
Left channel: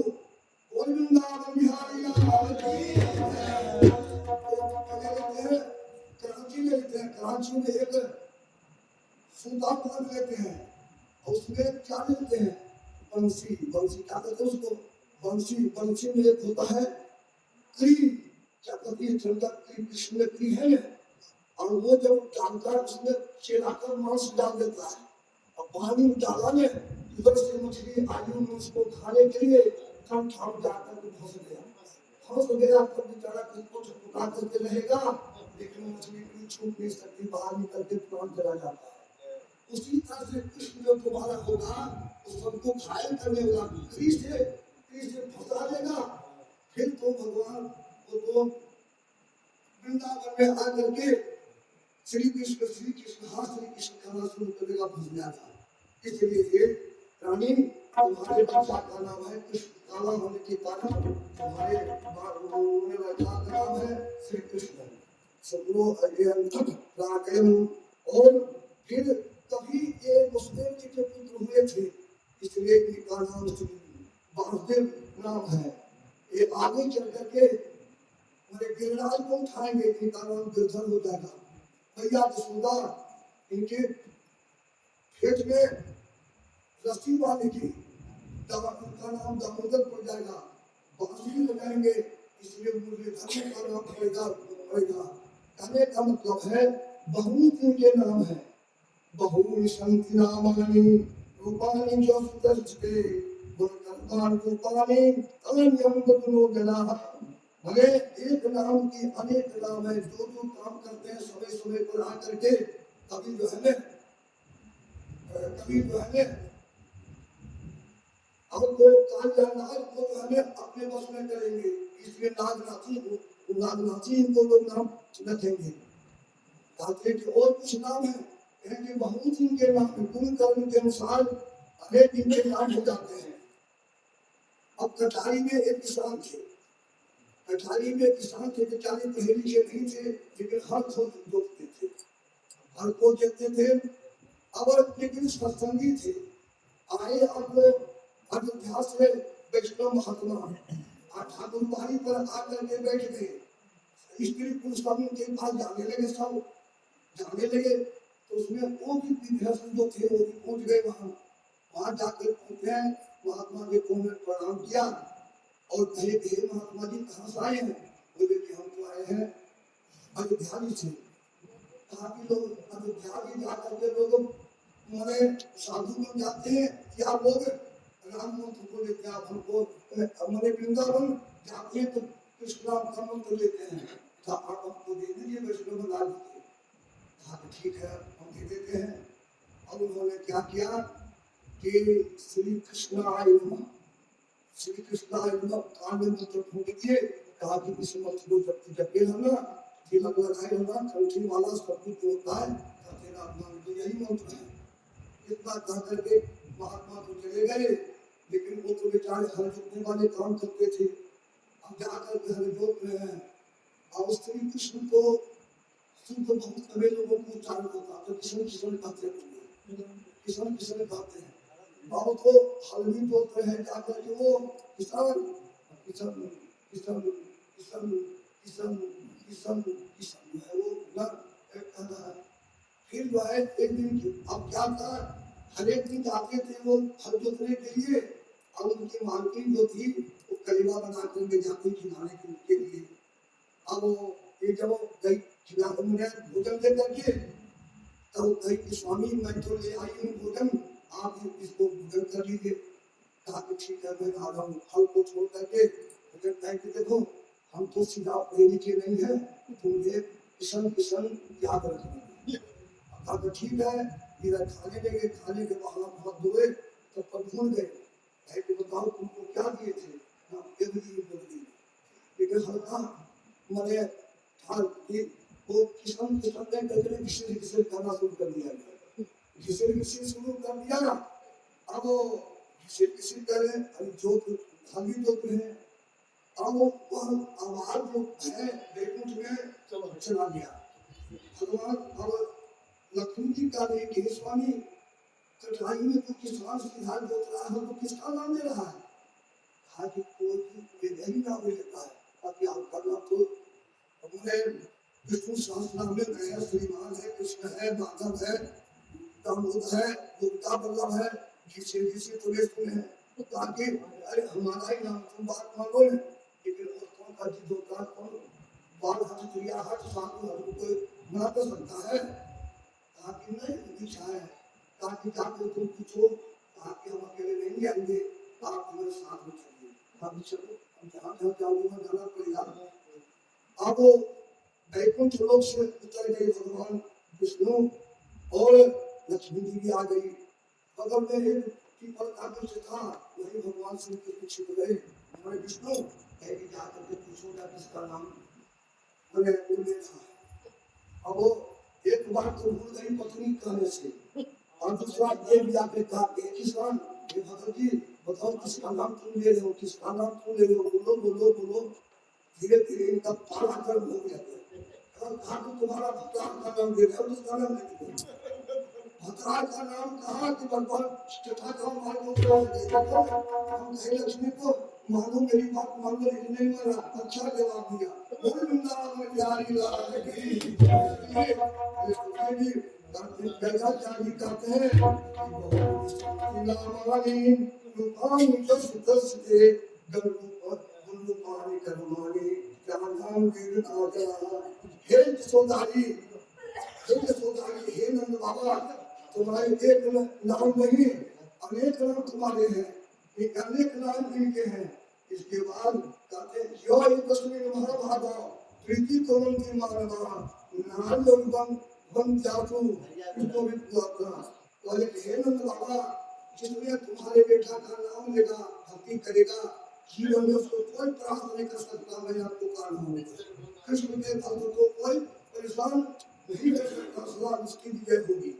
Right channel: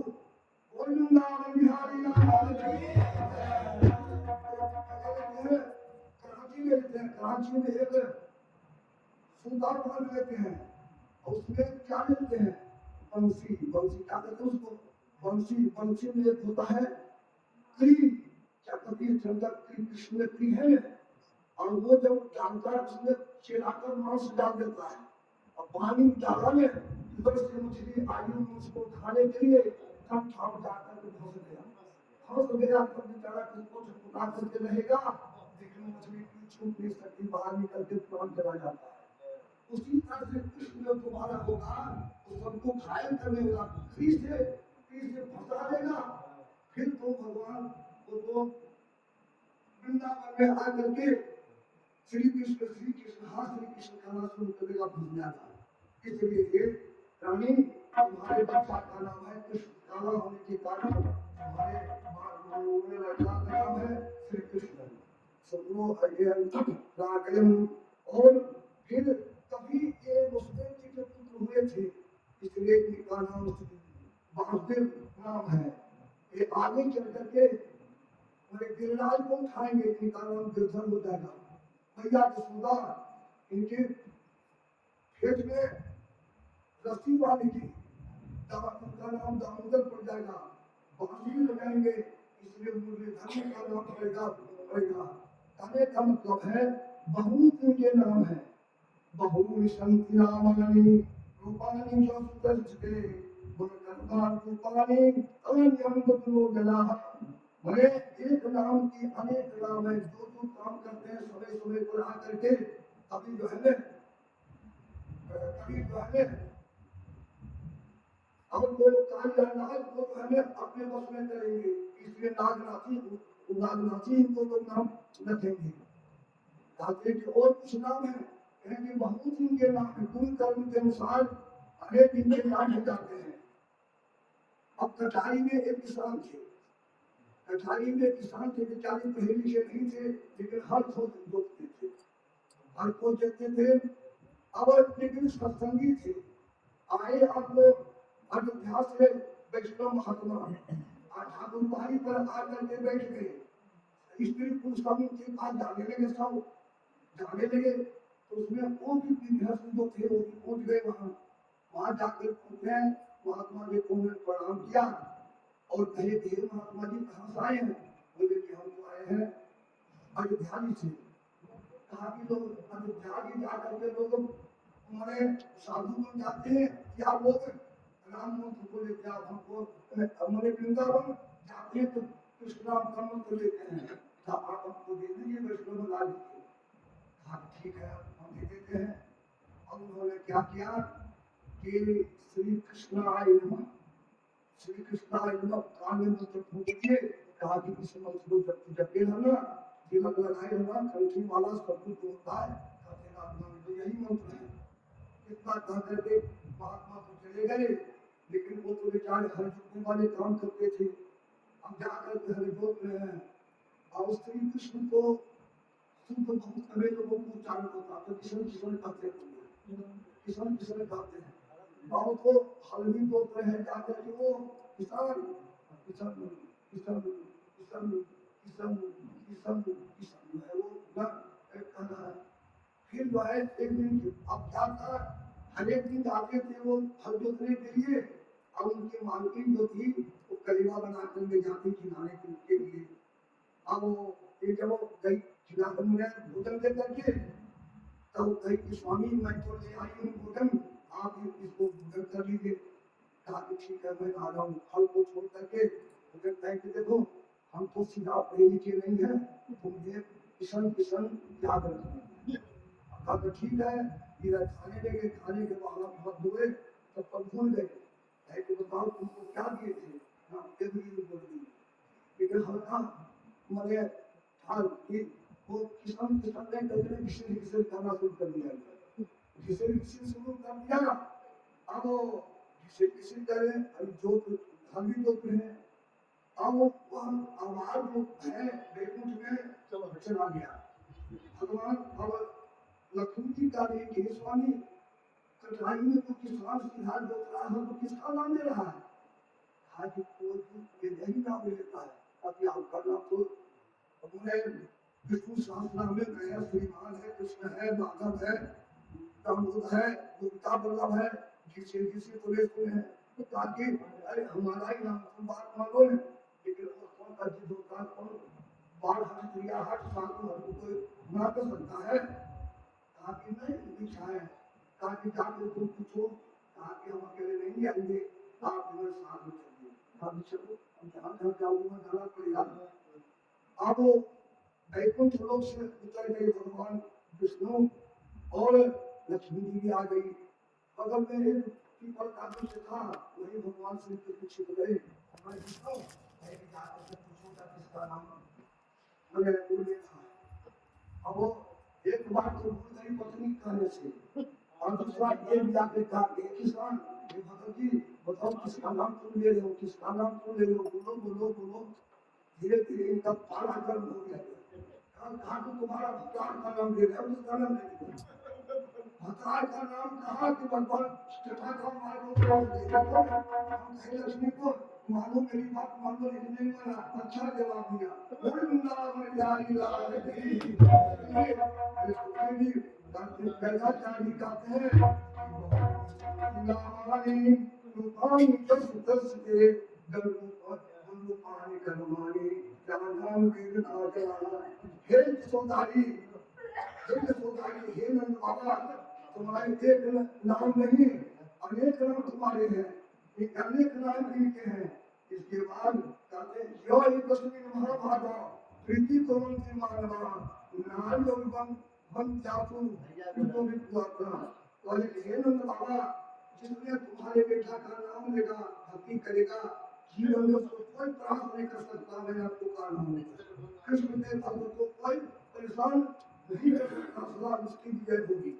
कराची में एक सूता बांध लेते हैं और उसमें क्या लेते हैं, बंसी, बंसी क्या कहते हैं उसको, बंसी, बंसी में एक होता है क्री, क्या कहती है चंदा क्री, कृष्ण में क्री है, और वो जब डालता है उसमें चिराकर मांस डाल देता है, और पानी डाला में उधर से मछली आई उसको खाने के लिए तब ठाव जाकर के फंस गया तो बेचारा किसको छुपा करके रहेगा, लेकिन मछली की छूट नहीं सकती, बाहर निकल के प्राण चला जाता है। उसी तरह से कृष्ण जो तुम्हारा होगा वो सबको घायल करने वाला क्री से फंसा देगा, फिर तो भगवान वो तो वृंदावन में आकर के श्री कृष्ण हाँ श्री कृष्ण खाना शुरू करेगा, भूल जाता। इसलिए ये रानी तुम्हारे बच्चा का नाम है कृष्ण, काला होने के कारण हमारे होने वाला नाम है श्री कृष्ण सदगुरु रागयन। और फिर तभी ये मुस्लिम जी के पुत्र हुए थे, इसलिए इनका नाम श्री वासुदेव नाम है। ये आगे चल करके मेरे गिरिराज को उठाएंगे, इनका नाम गिरधर हो जाएगा। भैया जसोदा इनके खेत में रस्सी बांधेगी, तब उनका नाम दामोदर पड़ जाएगा। बांसुरी बजाएंगे, इसलिए मुरलीधर का नाम पड़ेगा। कहने का मतलब है बहुत इनके नाम है। बहुनी संति नामानि रूपानि जो सुदर्शके गुणकर्तान रूपानि अनन्यं ततो जनाः। भले एक नाम की अनेक नाम है, जो जो काम करते हैं समय समय पर आकर के कभी जो है हमको कामयाब को जो हमें अपने बस में करेंगे, इसलिए नागनाथी इनको लोग नाम रखेंगे। कहते कि और कुछ नाम है, कहेंगे बहुत इनके नाम है, गुण कर्म के अनुसार अनेक इनके नाम हो जाते हैं। अब कटारी में एक किसान थे, कटारी में किसान थे, बेचारे पढ़े लिखे नहीं थे, लेकिन हर को जोतते थे, हर को जोतते थे। अब लेकिन सत्संगी थे। आए अब लोग अयोध्या से वैष्णव महात्मा ठाकुर बाड़ी पर आकर के बैठ गए। स्त्री पुरुष के पास जाने लगे, सब जाने लगे। तो उसमें वो भी विभ्रष्ट जो थे वो भी पहुंच गए वहां जाकर पूछते हैं, महात्मा जी को प्रणाम किया और कहे कि महात्मा जी कहाँ से आए हैं? बोले कि हम तो आए हैं अयोध्या से। कहा कि लोग अयोध्या जाकर के लोग हमारे साधु बन जाते हैं, या लोग राम मंत्र को लेते हैं, हमको हमारे वृंदावन जाते हैं तो कृष्ण नाम का मंत्र लेते हैं, तो आप हमको दे दीजिए, वैष्णव बना दीजिए। कहा ठीक है हम दे देते हैं। अब उन्होंने क्या किया कि श्री कृष्णाय नमः, श्री कृष्णाय नमः कान मंत्र फूंक दिए। कहा कि इस मंत्र को जब जपे रहना, तिलक लगाए रहना, कंठी वाला सब कुछ होता है, तेरा नाम तो यही मंत्र है। इतना कह करके महात्मा तो चले गए, लेकिन वो तो बेचारे हर जोतने वाले काम करते थे। अब जाकर के हर जोत रहे हैं, और श्री कृष्ण को शुद्ध बहुत कभी लोगों को उच्चारण होता, तो किशन किशन कहते हैं, किशन किशन कहते हैं। बहुत को हल्दी जोत रहे हैं, जाकर के वो किसान किशन किशन किशन किशन किशन किशन है वो ना कहता है। फिर जो है एक दिन अब क्या था, हर एक दिन जाते थे वो हल जोतने के लिए, और उनकी मालकिन जो थी वो कलीवा बना करके जाती खिलाने के लिए। अब वो ये जब गई खिलाने भोजन दे करके, तब कही कि स्वामी मैं तो ले आई हूँ भोजन, आप इसको भोजन कर लीजिए। कहा कि ठीक है मैं आ रहा हूँ। फल को छोड़ करके भोजन कह के देखो हम तो सीधा पढ़े लिखे नहीं है, तुम किशन किशन याद रखिए। अब ठीक है, इधर खाने लगे, खाने के बाद बहुत धोए तो भूल गए, कि बताओ तुमको क्या दिए थे ना, लेकिन हल्का मैंने वो किसान किसान ने कहते किसी किसी करना शुरू कर दिया, किसी किसी शुरू कर दिया। अब किसी किसी करे जो हम भी जोते हैं, अब वो आवाज जो है बैकुंठ में चला गया। भगवान अब लक्ष्मी जी का देख के स्वामी कठिनाई में तो किसान सीधा जोत रहा है, तो किसका नाम ले रहा है? हाथी कोई ये नहीं नाम लेता है, अब आपका नाम तो अपने विष्णु सहस्रनाम में गया, श्रीमान है, कृष्ण है, माधव है, दामोद है, दुर्गा बल्लभ है, किसी तो ले सुने हैं, ताकि अरे हमारा ही नाम तुम बात मांगो ना, लेकिन औरतों का जिद होता है, बाल हट क्रिया हट साधु हट को ना कर सकता है। ताकि नहीं इच्छा है, ताकि जाकर तुम पूछो, ताकि हम अकेले नहीं आएंगे, आप हमारे साथ में चलिए। हम चलो, हम जहाँ जहाँ जाऊँगा जाना पड़ेगा। अब वैकुंठ लोक से उतर गए भगवान विष्णु, और लक्ष्मी जी भी आ गई। बगल में एक पीपल का वृक्ष था, वही भगवान श्री कृष्ण छिप गए। हमारे विष्णु कहीं जाकर के पूछूंगा किसका नाम मैंने उल्लेख था। अब वो एक बार तो भूल गई पत्नी कहने से, और दूसरा ये भी आके कहा किसान भगत जी बताओ किसका नाम तुम ले रहे हो, किसका नाम तुम ले रहे हो, बोलो बोलो बोलो। धीरे धीरे इनका पारा गर्म हो गया। कहा तो तुम्हारा भगवान का नाम ले रहे हो, उसका नाम नहीं ले। भगवान का नाम कहा कि भगवान चटा का मानो तो हम कहे लक्ष्मी को मानो मेरी बात मान लो, नहीं माना। अच्छा जवाब दिया, बोल वृंदावन बिहारी लाल की। पैदा चाली कहते हैं नामानी रूपानी दस दस के गल्लू पानी करमानी जहाँ नाम वीर नागा। हे सोदारी, हे सोदारी, हे नंद बाबा, तुम्हारे एक नाम नहीं अनेक नाम तुम्हारे हैं, एक अनेक नाम इनके हैं। इसके बाद कहते हैं यो एक तस्वीर महाभागा प्रीति तोरण की मानवा नाम लोग बन जातु इसको भी दुआ। तो हे नंद बाबा, जिसने तुम्हारे बेटा का नाम लेगा, भक्ति करेगा, जीवन में उसको कोई प्राप्त नहीं कर सकता। मैं आपको कारण हूँ, कृष्ण के भक्त को कोई परेशान नहीं कर सकता, सदा उसकी विजय होगी।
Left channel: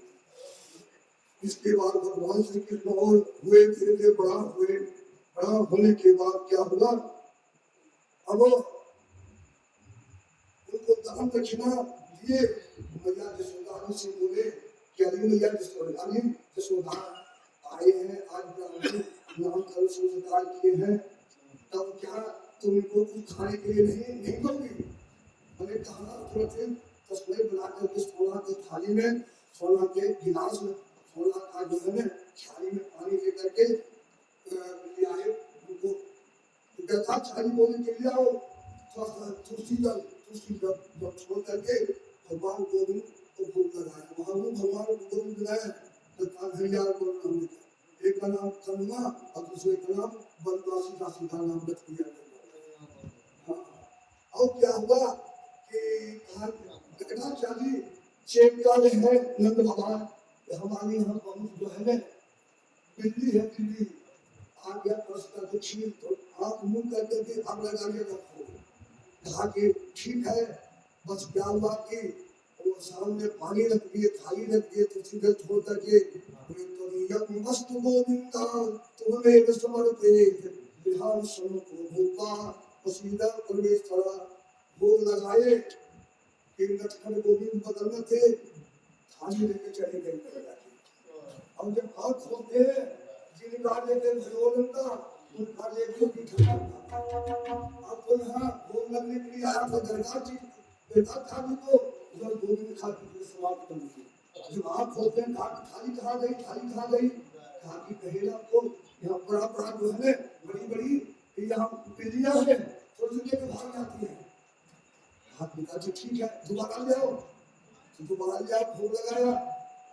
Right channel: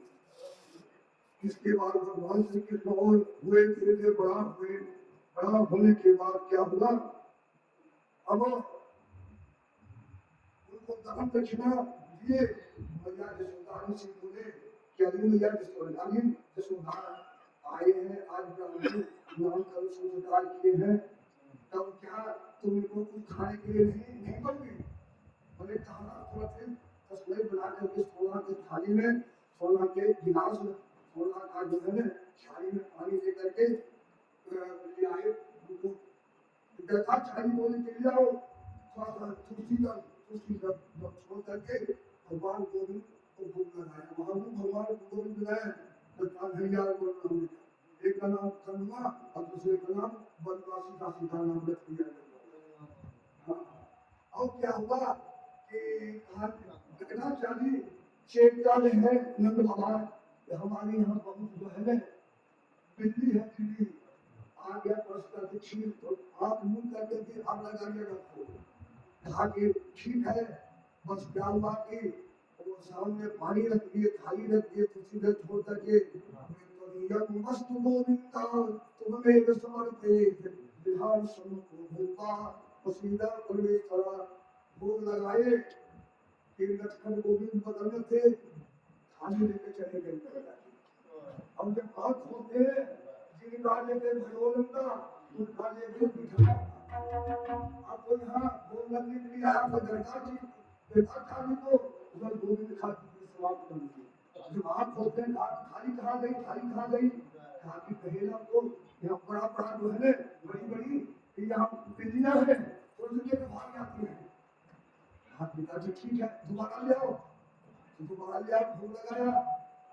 इसके बाद भगवान श्री कृष्ण और हुए, धीरे धीरे बड़ा हुए। बड़ा होने के बाद क्या हुआ, अब उनको दान दक्षिणा दिए। मैया यशोदा से बोले कि अभी मैया यशोदा आए हैं, आज नाम कल संस्कार किए हैं, तब क्या तुमको कुछ खाने के लिए नहीं दोगे? मैंने कहा तुरंत तस्वीर बना करके सोना के थाली में, सोना के गिलास में, सोना का जो है थाली में पानी दे करके ले आए। उनको गथा छाली बोले के लिए आओ, थोड़ा सा तुलसी जब छोड़ करके भगवान गोविंद को भोग लगाया। महावीर भगवान गोविंद बनाया, तो भैया गोविंद एक का नाम चंद्रमा और दूसरे का नाम बनवासी का सीधा नाम रख दिया गया। और क्या हुआ कि गथा छाली चेक कर रहे हैं नंद बाबा, हमारे यहाँ बहुत जो है ना बिल्ली है, बिल्ली आ गया प्रश्न दक्षिण, तो आप मुंह करके के अब लगाइएगा। कहा कि ठीक है, बस क्या हुआ कि वो सामने पानी रख दिए, थाली रख दिए, तो सीधे छोड़ करके मस्त गोविंदा तुम्हें समर्पे बिहार समको भूता पसीदा परमेश्वरा। भोग लगाए, लटखन गोविंद बदलने थे, थाली लेके चले गए। अब जब हाथ खोलते हैं, जिनका लेते भगवान का उनका लेके पीछे आपको यहाँ भोग लगने के लिए आप दरगाह था भी तो उधर गोविंद खाती समाप्त कर दी। जब आप खोलते हैं थाली कहाँ गई, थाली कहाँ गई, कहाँ की पहला को यहाँ बड़ा बड़ा जो है बड़ी बड़ी यहाँ बिल्लियाँ है, तो उनके भाग जाती है। हाथ पिता जी ठीक है, दोबारा ले आओ, तो दोबारा ले आओ, भोग लगाया।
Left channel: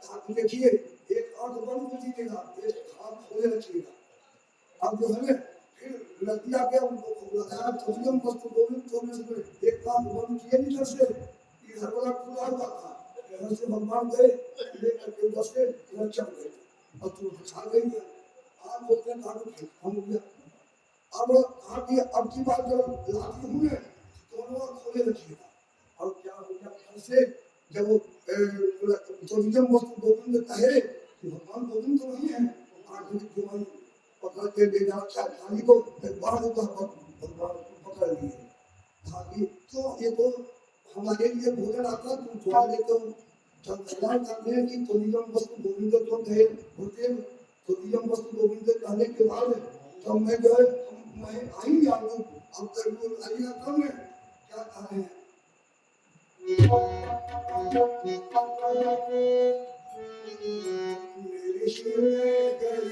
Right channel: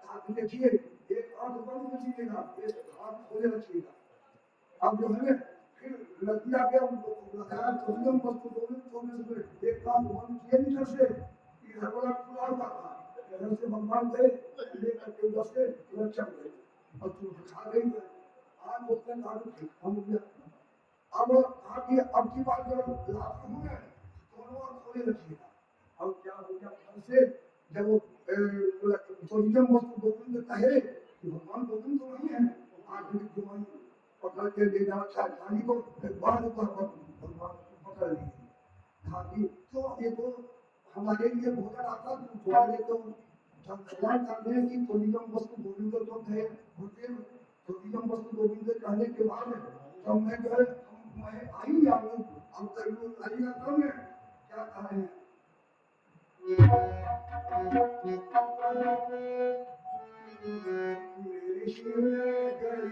हाथ देखिए, एक आंख बंद कीजिएगा, एक हाथ खोले रखिएगा। अब जो है फिर लड़कियाँ क्या उनको भोग लगाया, तो हम वस्तु गोविंद एक आंख बंद किए नहीं से इधर वाला खुला हुआ था, इधर से भगवान गए लेकर के उधर से रक्षा गए और तुम बचा गई है। आप बोलते हैं हम गया। अब आगे अब की बात जब लाती हूँ मैं, दोनों खोले रखिएगा। अब क्या हो गया घर से, जब तो नियम वस्तु गोविंद कहे कि भगवान गोविंद तो नहीं है, आखिर गोविंद पकड़ के ले जाना चाहे को भगवान पकड़ लिए धागी। तो ये तो हमारे लिए भोजन आता, तुम थोड़ा ले तो जब स्नान करते हैं कि तो नियम वस्तु गोविंद तो कहे होते, तो नियम वस्तु गोविंद कहने के बाद जब मैं जो है मैं आएंगे आप लोग, अब करीब आइएगा कब में क्या कहा है मेरे शिव में गई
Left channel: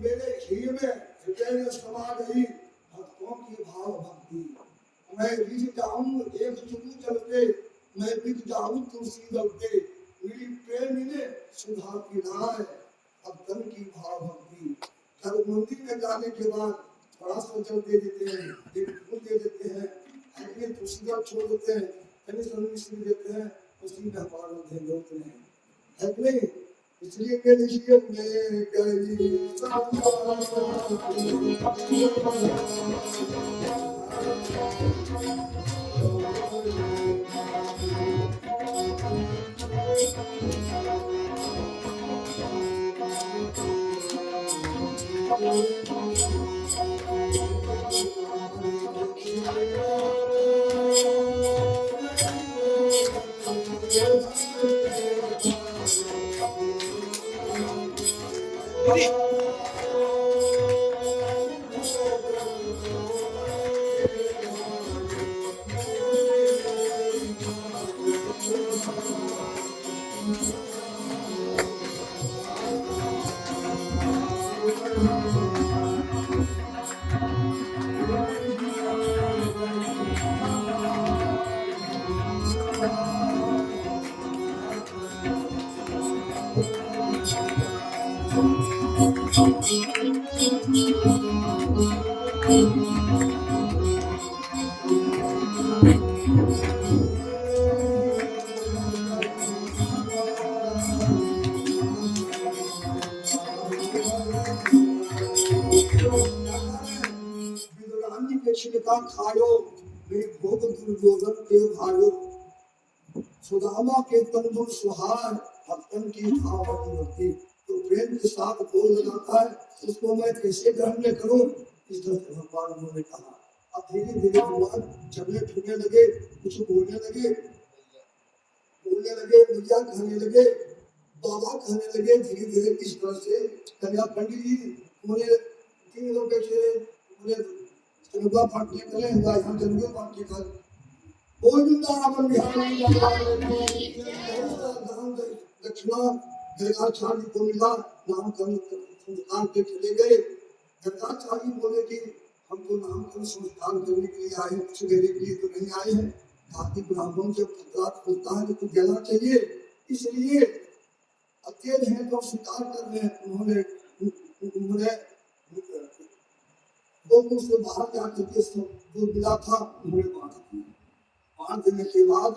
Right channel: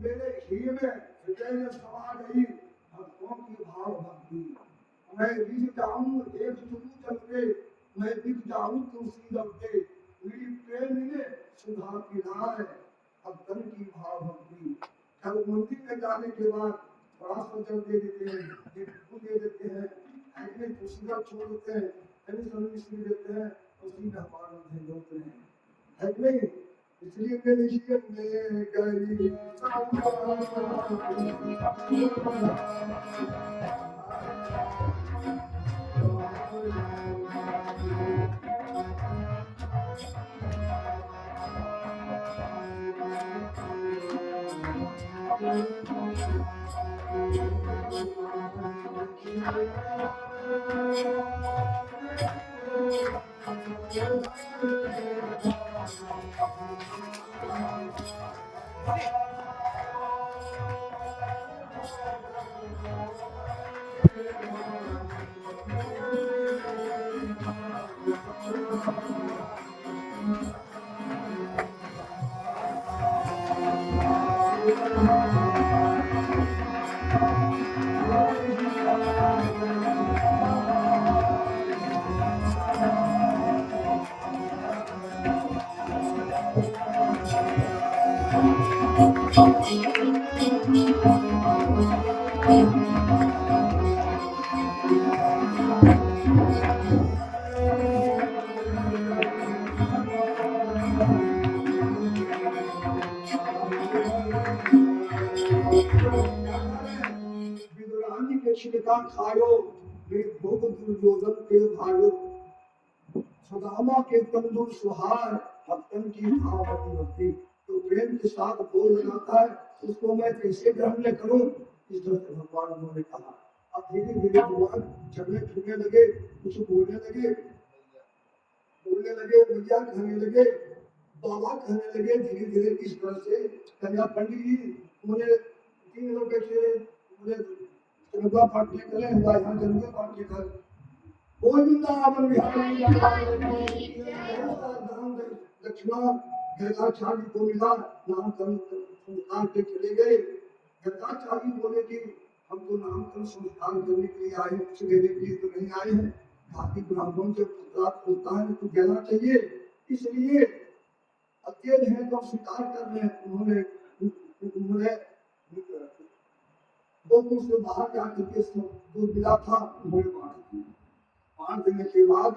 मेरे घी में हृदय में समा गई भक्तों की भाव भक्ति। मैं रिझ जाऊं एक चुटू जल पे, मैं बिक जाऊं तुलसी दल पे, मेरी प्रेमी ने सुधा पिलाए भक्तन की भाव भक्ति। जब मंदिर में जाने के बाद थोड़ा सा जल दे देते हैं, एक फूल दे देते हैं, अपने तुलसी दल छोड़ देते हैं, कहीं मिश्री देते हैं, उसी में हमारा ध्यान होते हैं, है कि नहीं? इसलिए मेरे जीवन में गई खायो भोग दुर्योधन के भायो, सुदामा के तंदुर सुहार भक्तन की भावती होती। तो प्रेम के साथ बोल लगाता है, उसको मैं कैसे ग्रहण करूं, इस तरह से भगवान उन्होंने कहा। अब धीरे धीरे भगवान चलने फिरने लगे, कुछ बोलने लगे, भैया कहने लगे, बाबा कहने लगे। धीरे धीरे इस तरह से कन्या पंडित जी उन्हें 3 लोग बैठे, उन्हें जनुआ पाठ निकले, यहाँ जनुआ पाठ निकल बोल वृंदावन बिहारी दक्षिणा गर्गाचार्य को मिला, नामकरण संस्कार के चले गए। गर्गाचार्य बोले कि हम तो नामकरण संस्कार करने के लिए आए, कुछ देने के लिए तो नहीं आए हैं। कार्तिक ब्राह्मण जब रात खुलता है तो देना चाहिए, इसलिए अकेले हैं तो स्वीकार कर रहे हैं। उन्होंने गोकुल से बाहर जाकर के सब जो मिला था उन्होंने बांट दिया। बांट देने के बाद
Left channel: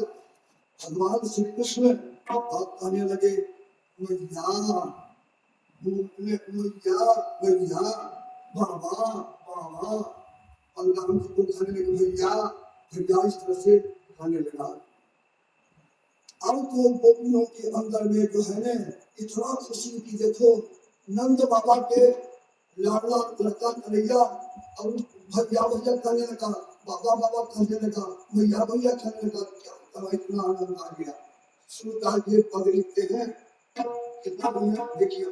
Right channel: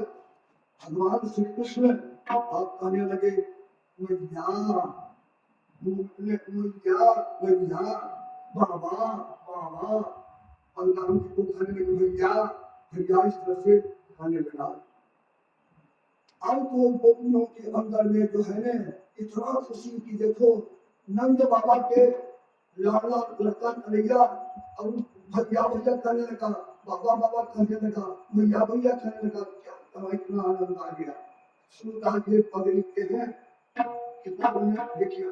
भगवान श्री कृष्ण कहने लगे, मैया बाबा बाबा। बलराम जी को कहने लगे भैया भैया, इस तरह से कहने लगा। अब तो गोपियों के अंदर में जो है ना इतना खुशी की देखो, नंद बाबा के लाडला लड़का कन्हैया और भैया भैया कहने लगा, बाबा बाबा कहने लगा, भैया भैया कहने लगा। क्या इतना आनंद आ गया। सुनता ये पद लिखते हैं कितना बढ़िया, देखिए